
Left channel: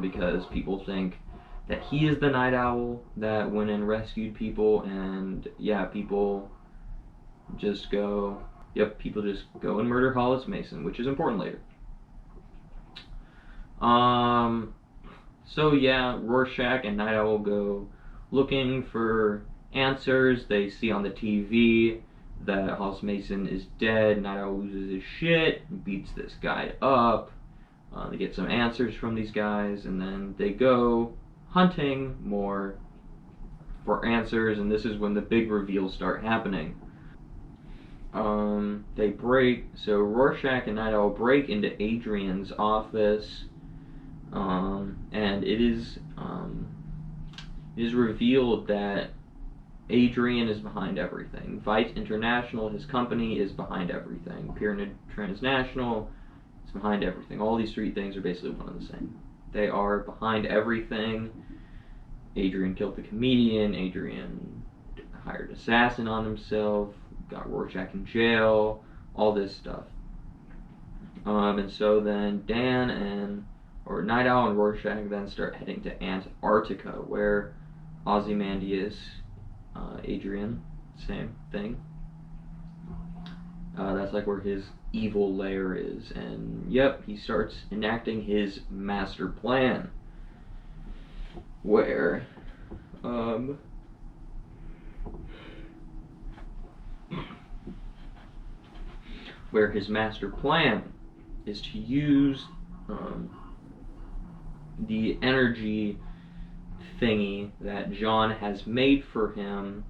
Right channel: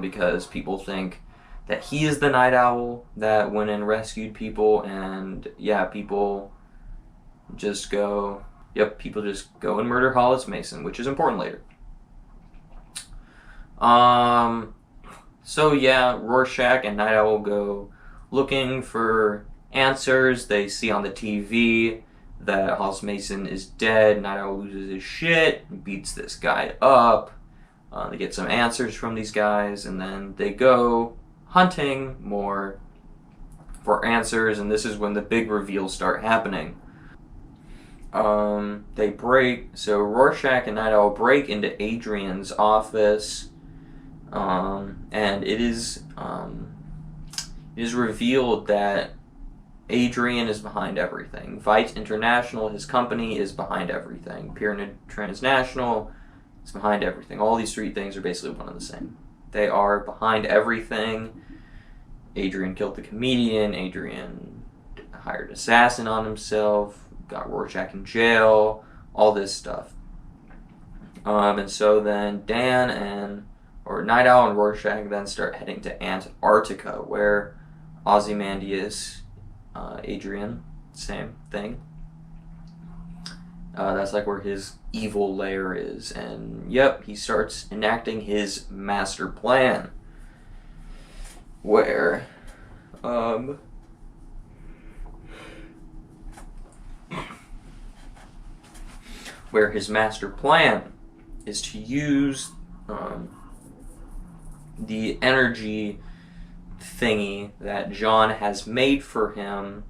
because people think that he is the Night Owl that went and rescued people, and yeah, people just go and murder Hollis Mason, which is important later. So yeah, Rorschach and Night Owl go looking for answers. They see on the TV that Hollis Mason is dead. Night Owl loses his shit, beats this guy up. They get some answers from these guys, and then they go hunting more for answers, and this is when the big reveals start happening. So Rorschach and Night Owl break into Adrian's office, and it is revealed that Adrian is behind everything. Vite International, his company, is behind everything. Pyramid Transnational is behind everything. All these three things are basically one and the same. They are behind everything. Adrian killed the comedian. Adrian hired an assassin on himself. Got Rorschach in jail. All this stuff. And so then Night Owl and Rorschach then start heading to Antarctica, where Ozymandias, Adrian, same thing. That's like where his evil lair is, and yep, he starts enacting his master plan, where his master plan is to use the energy thingy that John has made for him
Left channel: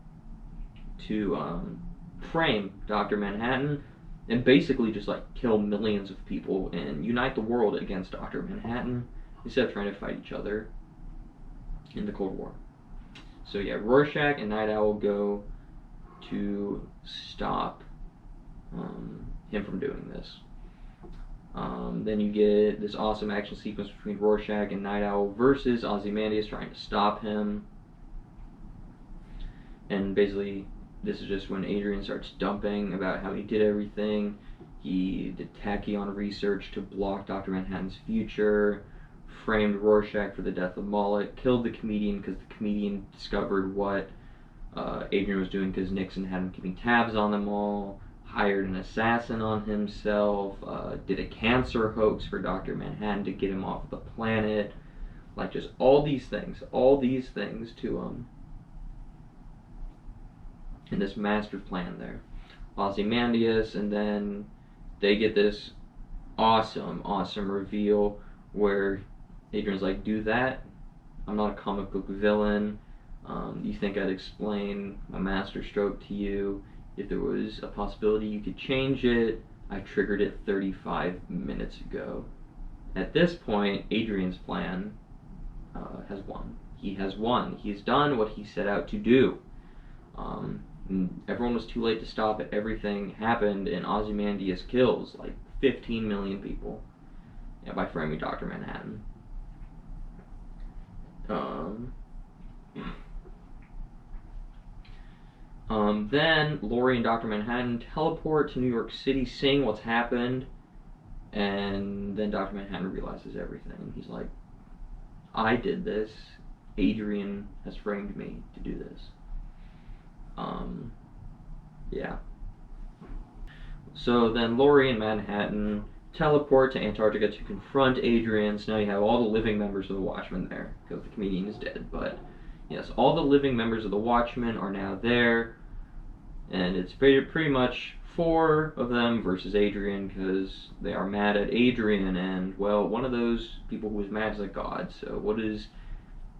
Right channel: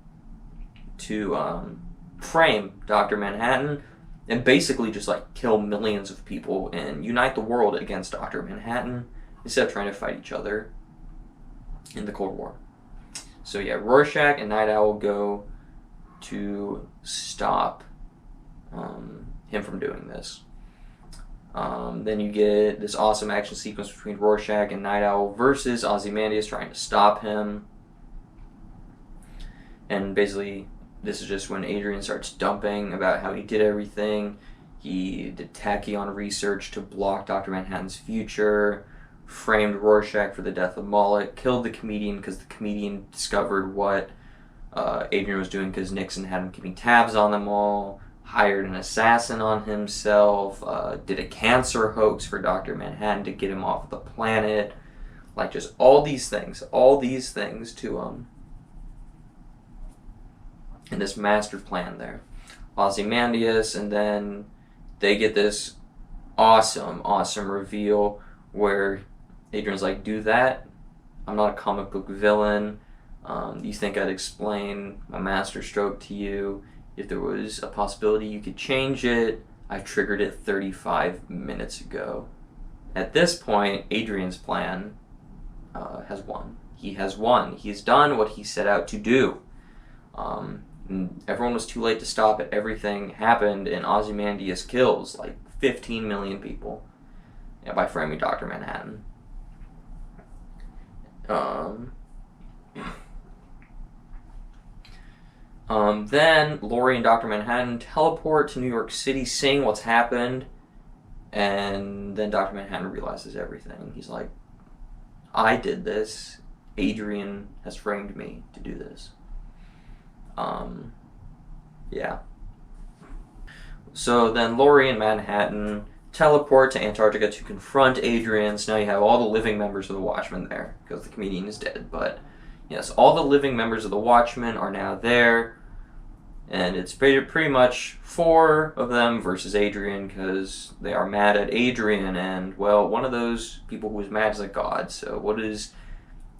to frame Dr. Manhattan and basically just like kill millions of people and unite the world against Dr. Manhattan instead of trying to fight each other in the Cold War. So yeah, Rorschach and Night Owl go to stop him from doing this. Then you get this awesome action sequence between Rorschach and Night Owl versus Ozymandias trying to stop him. And basically, this is just when Adrian starts dumping about how he did everything. He did tachyon research to block Dr. Manhattan's future, framed Rorschach for the death of Moloch, killed the comedian because the comedian discovered what Adrian was doing because Nixon had him keeping tabs on them all, hired an assassin on himself, did a cancer hoax for Dr. Manhattan to get him off the planet. Like, just all these things to, in this master plan there. Ozymandias, and then they get this awesome reveal where Adrian's like, do that? I'm not a comic book villain. You think I'd explain my master stroke to you? If there was a possibility you could change it, I triggered it 35 minutes ago. At this point, Adrian's plan has won. He has won. He's done what he set out to do. And everyone was too late to stop it. Everything happened, and Ozymandias kills like 15 million people by framing Dr. Manhattan. Then Laurie and Dr. Manhattan teleport to New York City, seeing what's happened, and then Dr. Manhattan realizes everything. He's like, I did this. Adrian has framed me to do this. Yeah. So then Laurie and Manhattan teleport to Antarctica to confront Adrian. So now you have all the living members of the Watchmen there, because the comedian is dead. But yes, all the living members of the Watchmen are now there. And it's pretty much 4 of them versus Adrian, because they are mad at Adrian. And, well, one of those people who is mad is a god. So what does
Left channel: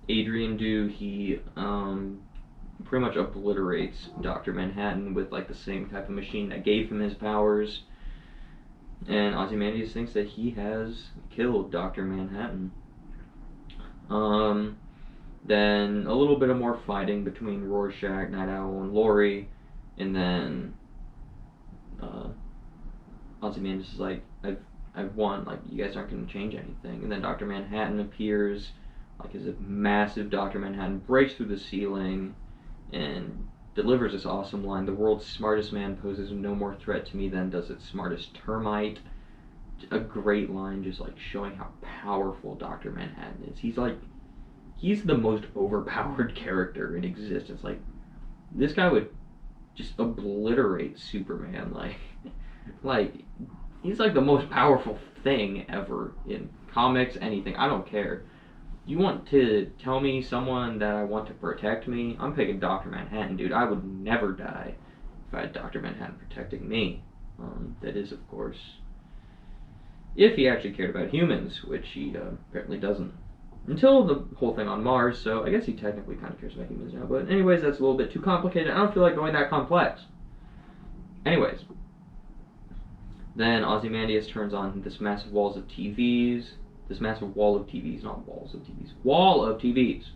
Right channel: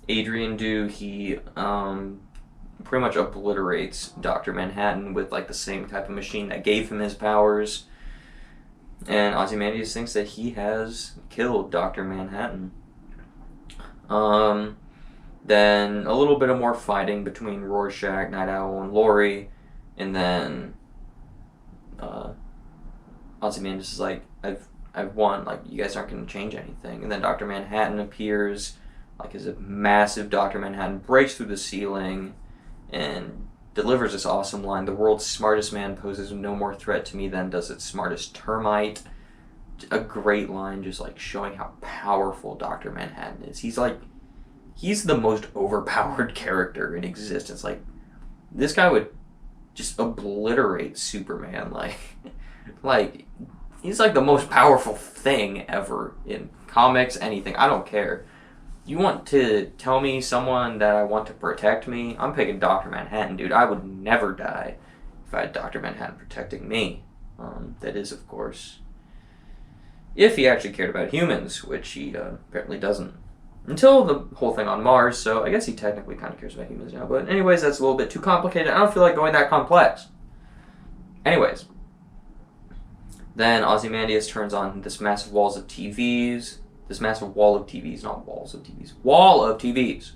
Adrian do? He pretty much obliterates Dr. Manhattan with like the same type of machine that gave him his powers. And Ozymandias thinks that he has killed Dr. Manhattan. Then a little bit of more fighting between Rorschach, Night Owl, and Laurie. And then Ozymandias is like, I've won. Like, you guys aren't going to change anything. And then Dr. Manhattan appears, like, as a massive Dr. Manhattan breaks through the ceiling and delivers this awesome line: the world's smartest man poses no more threat to me than does its smartest termite. A great line, just like showing how powerful Dr. Manhattan is. He's the most overpowered character in existence. Like, this guy would just obliterate Superman. Like he's like the most powerful thing ever in comics, anything. I don't care. You want to tell me someone that I want to protect me? I'm picking Dr. Manhattan, dude. I would never die if I had Dr. Manhattan protecting me. That is, of course, if he actually cared about humans, which he apparently doesn't. Until the whole thing on Mars, so I guess he technically kind of cares about humans now. But anyways, that's a little bit too complicated. I don't feel like going that complex. Anyways. Then Ozymandias turns on this massive wall of TVs, not walls of TVs, wall of TVs,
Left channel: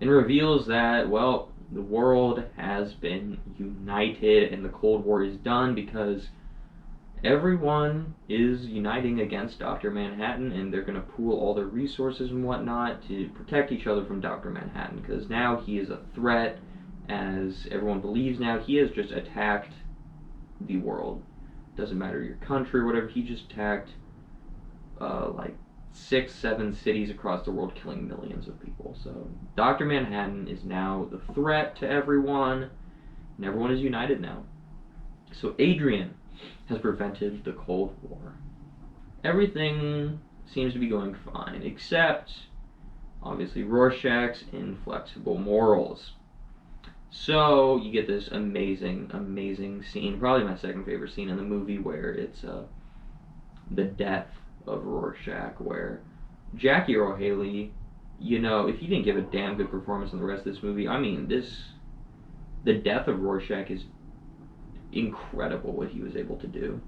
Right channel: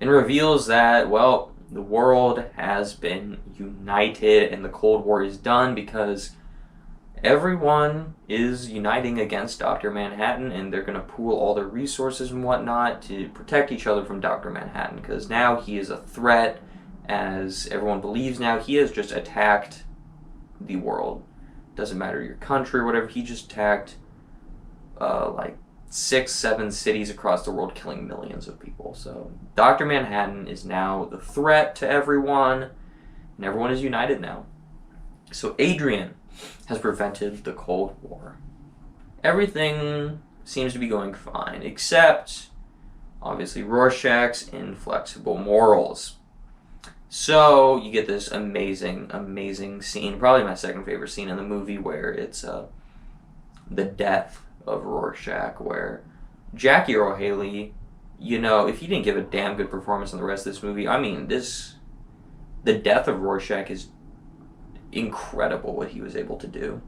and reveals that, well, the world has been united and the Cold War is done because everyone is uniting against Dr. Manhattan, and they're going to pool all their resources and whatnot to protect each other from Dr. Manhattan, because now he is a threat, as everyone believes now. He has just attacked the world. Doesn't matter your country or whatever, he just attacked like 6-7 cities across the world, killing millions of people. So Dr. Manhattan is now the threat to everyone, and everyone is united now. So Adrian has prevented the Cold War. Everything seems to be going fine, except, obviously, Rorschach's inflexible morals. So you get this amazing scene, probably my second favorite scene in the movie, where it's the death of Rorschach, where Jackie Earle Haley, if he didn't give a damn good performance in the rest of this movie, I mean, the death of Rorschach is incredible what he was able to do.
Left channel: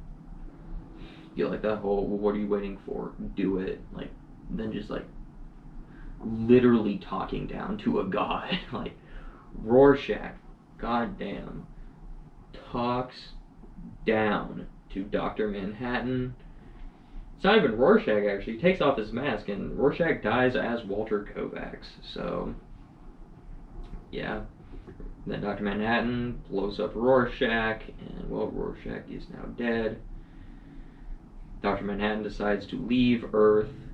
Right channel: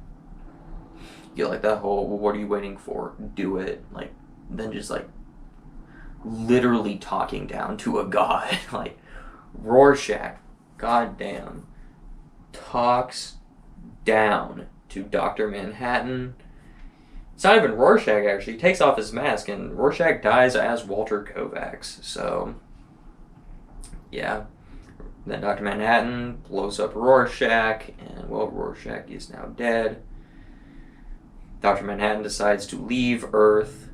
You like that whole, well, what are you waiting for? Do it. Like, then just like literally talking down to a god. Like, Rorschach, goddamn, talks down to Dr. Manhattan. It's not even Rorschach, actually. He takes off his mask, and Rorschach dies as Walter Kovacs. So, yeah. Then Dr. Manhattan blows up Rorschach, and well, Rorschach is now dead. Dr. Manhattan decides to leave Earth,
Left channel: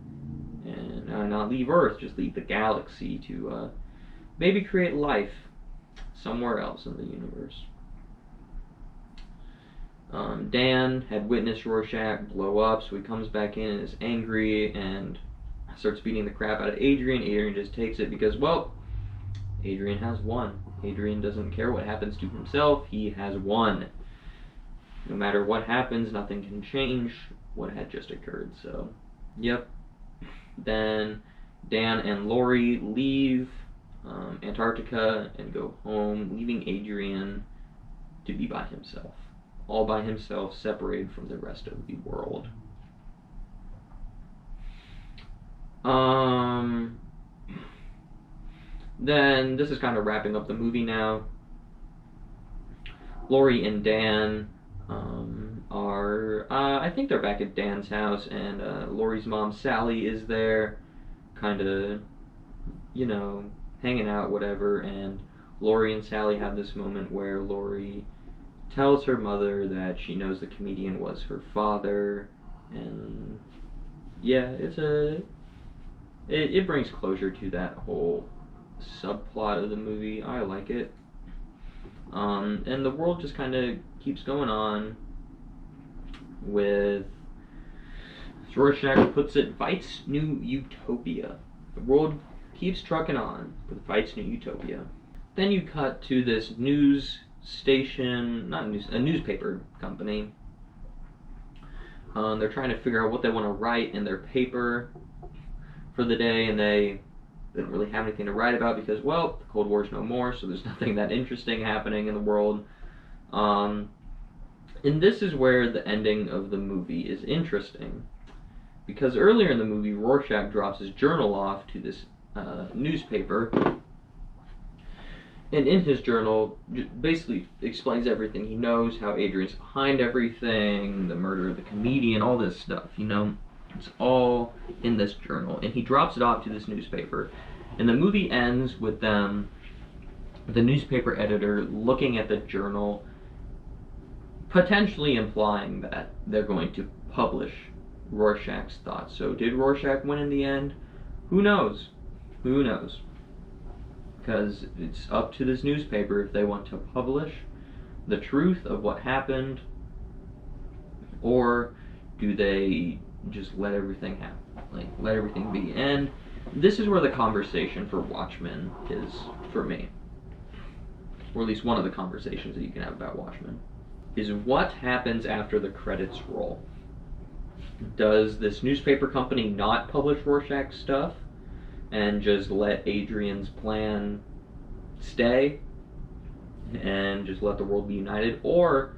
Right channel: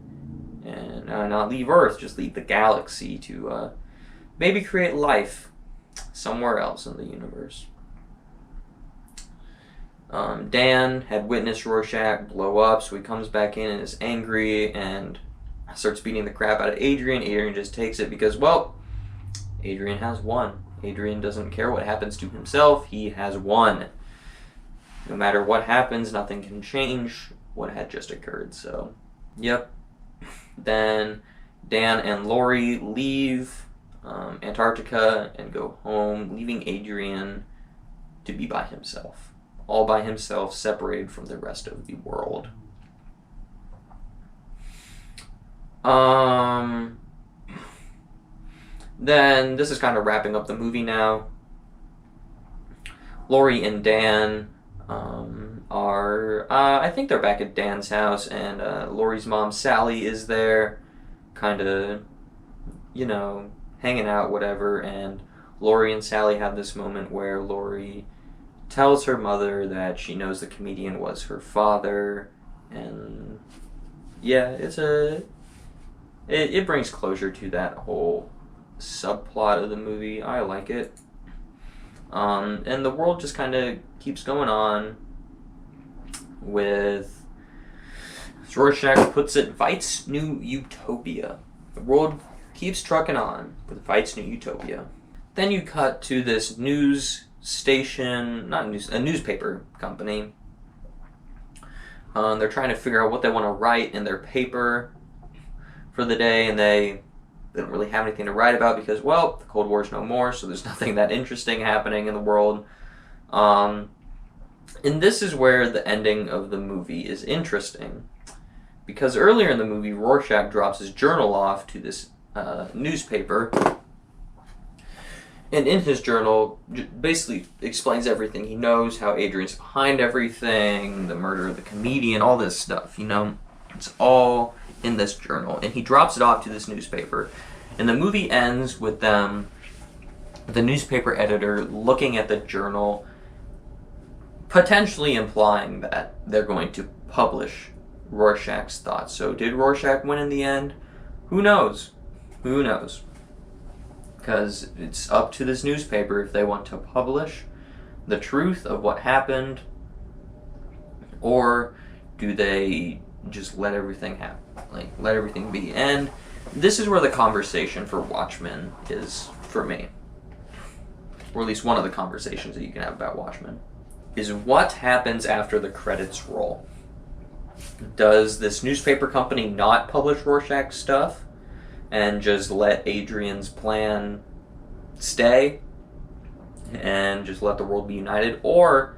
and not leave Earth, just leave the galaxy to maybe create life somewhere else in the universe. Dan had witnessed Rorschach blow up, so he comes back in and is angry and starts beating the crap out of Adrian. Adrian just takes it because, well, Adrian has won. Adrian doesn't care what happens to himself. He has won. No matter what happens, nothing can change what had just occurred. So, yep. Then Dan and Lori leave Antarctica and go home, leaving Adrian to be by himself. All by himself, separated from the rest of the world. Then this is kind of wrapping up the movie now. Lori and Dan are, I think they're back at Dan's house, and Lori's mom, Sally, is there, kind of, hanging out, whatever, and Lori and Sally have this moment where Lori tells her mother that she knows the comedian was her father, and yeah, it brings closure to that whole subplot of the movie. I like it. And the world just kind of keeps going on with, as Rorschach puts it, Veidt's New Utopia. The world keeps trucking on with Veidt's New Utopia. Then you cut to this news station, a newspaper company. They're trying to figure out what they want to write in their paper for the day, and they don't really have anything to write about because, well, the Cold War's no more, so there's nothing that interesting happening in the world. And this is where the ending of the movie is interesting, because earlier in the movie, Rorschach drops his journal off to this newspaper, and in his journal basically explains everything he knows, how Adrian's behind everything, the murder of the comedian, all this stuff, It's all in this journal, and he drops it off to this newspaper. And the movie ends with the newspaper editor looking at the journal, potentially implying that they're going to publish Rorschach's thoughts. So did Rorschach win in the end? Who knows? Who knows? Because it's up to this newspaper if they want to publish the truth of what happened, or do they just let everything happen, let everything be. And this is where the conversation for Watchmen is for me, or at least one of the conversations that you can have about Watchmen, is what happens after the credits roll. Does this newspaper company not publish Rorschach's stuff and just let Adrian's plan stay and just let the world be united, or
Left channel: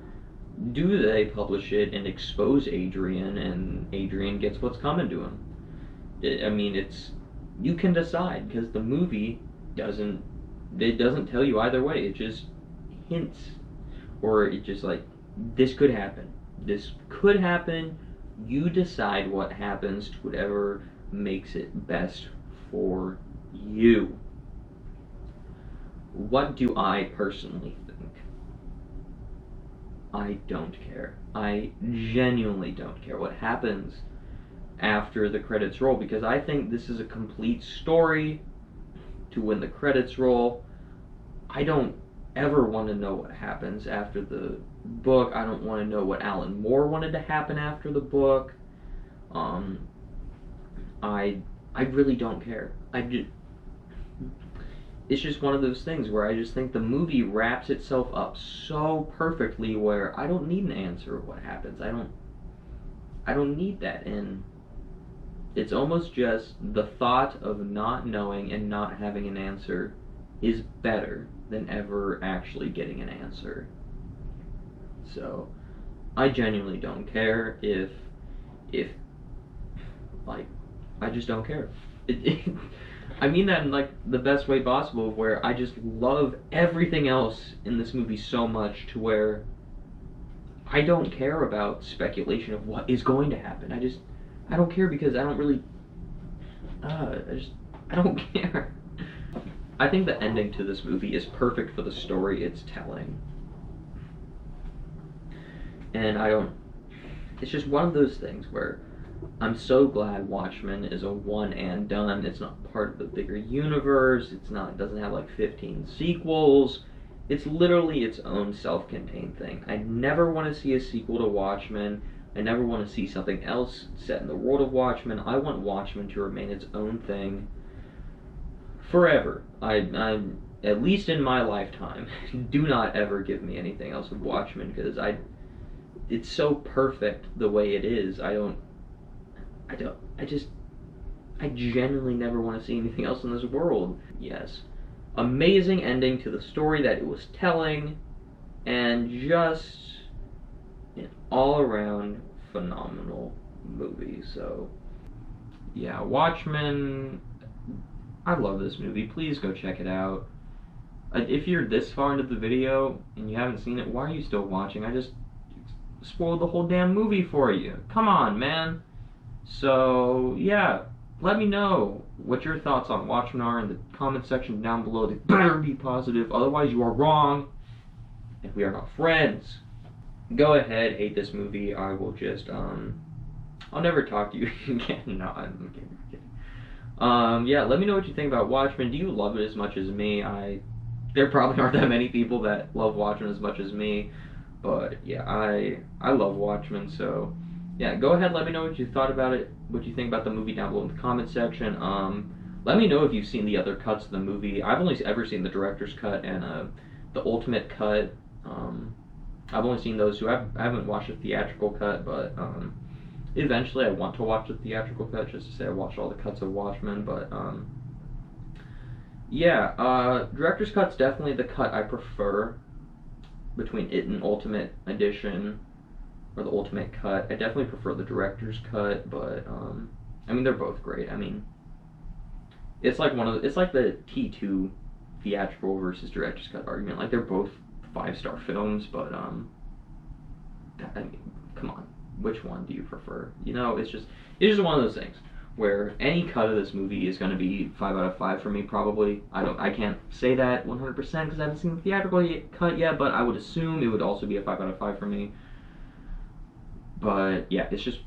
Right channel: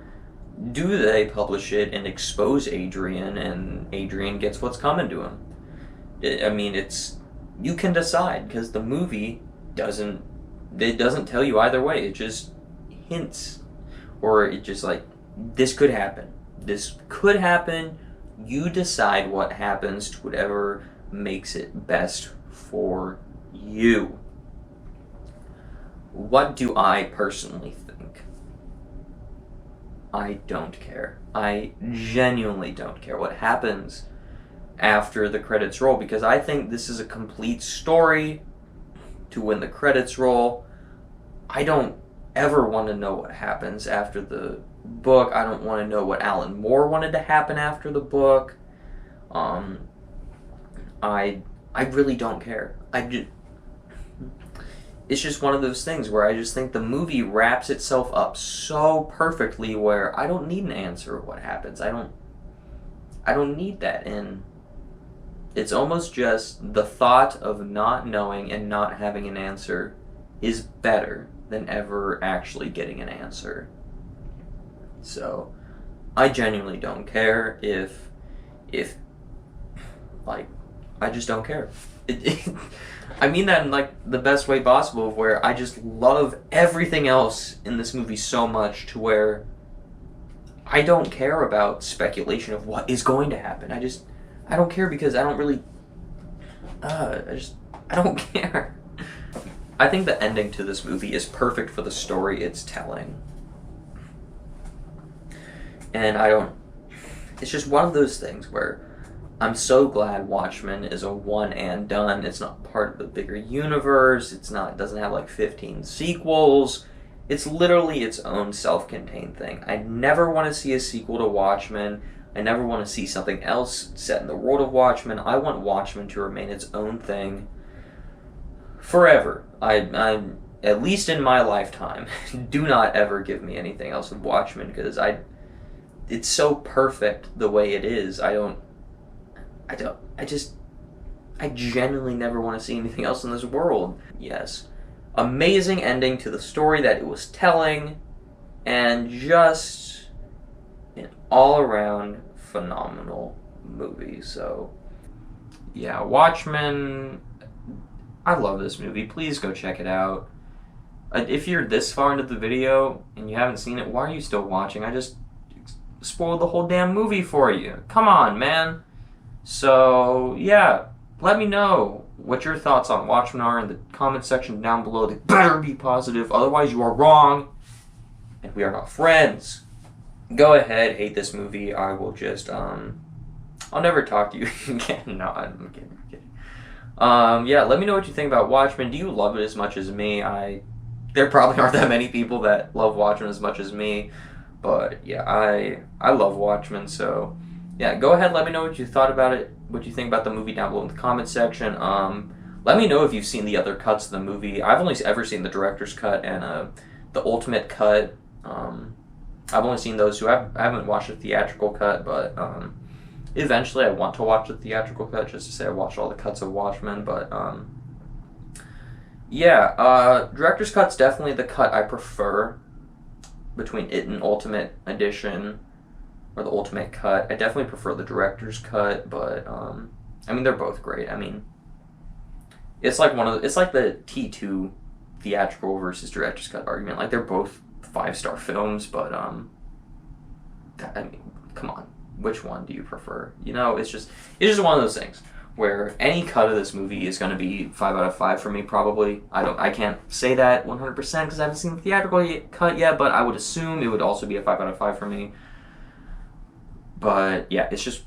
do they publish it and expose Adrian, and Adrian gets what's coming to him? You can decide, because the movie doesn't tell you either way. It just hints, or it just this could happen. This could happen. You decide what happens to whatever makes it best for you. What do I personally think? I don't care. I genuinely don't care what happens after the credits roll, because I think this is a complete story to when the credits roll. I don't ever want to know what happens after the book. I don't want to know what Alan Moore wanted to happen after the book. I really don't care. It's just one of those things where I just think the movie wraps itself up so perfectly where I don't need an answer of what happens. I don't need that. And it's almost just the thought of not knowing and not having an answer is better than ever actually getting an answer. So I genuinely don't care if I just don't care. I mean that in the best way possible, where I just love everything else in this movie so much to where I don't care about speculation of what is going to happen. I don't care, because I don't really I don't care. I think the ending to this movie is perfect for the story it's telling. And it's just one of those things where I'm so glad Watchmen is a one and done. It's not part of the bigger universe. It doesn't have like 15 sequels. It's literally its own self-contained thing. I never want to see a sequel to Watchmen. I never want to see something else set in the world of Watchmen. I want Watchmen to remain its own thing forever. I at least in my lifetime, do not ever give me anything else of Watchmen, because it's so perfect the way it is. I genuinely never want to see anything else in this world. Yes. Amazing ending to the story that it was telling, and just an all-around phenomenal movie. So, yeah, Watchmen, I love this movie. Please go check it out. If you're this far into the video and you haven't seen it, why are you still watching? I just spoiled the whole damn movie for you. Come on, man. So, yeah, let me know what your thoughts on Watchmen are in the comment section down below. They better be positive, otherwise you are wrong, and we are not friends. Go ahead, hate this movie. I will just, I'll never talk to you again. No, I'm kidding. Yeah, let me know what you think about Watchmen. Do you love it as much as me? There probably aren't that many people that love Watchmen as much as me, but yeah, I love Watchmen, so yeah, go ahead, let me know what you thought about it, what you think about the movie down below in the comment section. Let me know if you've seen the other cuts of the movie. I've only ever seen the director's cut and the ultimate cut. I've only seen those two. I haven't watched the theatrical cut, but eventually I want to watch the theatrical cut just to say I watched all the cuts of Watchmen. But yeah, director's cut's definitely the cut I prefer between it and Ultimate Edition, or the ultimate cut. I definitely prefer the director's cut, but I mean, they're both great. I mean, it's like the T2 theatrical versus director's cut argument. Like, they're both 5-star films, but I mean, come on, which one do you prefer? You know, it's just one of those things where any cut of this movie is going to be 5 out of 5 for me, probably. I can't say that 100% because I haven't seen the theatrical cut yet, but I would assume it would also be a 5 out of 5 for me. But yeah, it's just,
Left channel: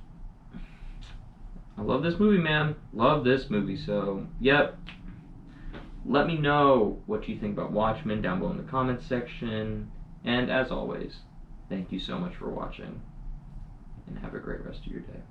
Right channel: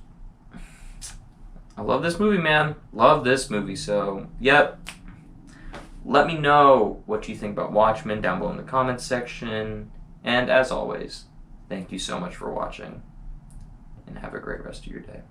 I love this movie, man. Love this movie. So, yep. Let me know what you think about Watchmen down below in the comments section. And as always, thank you so much for watching. And have a great rest of your day.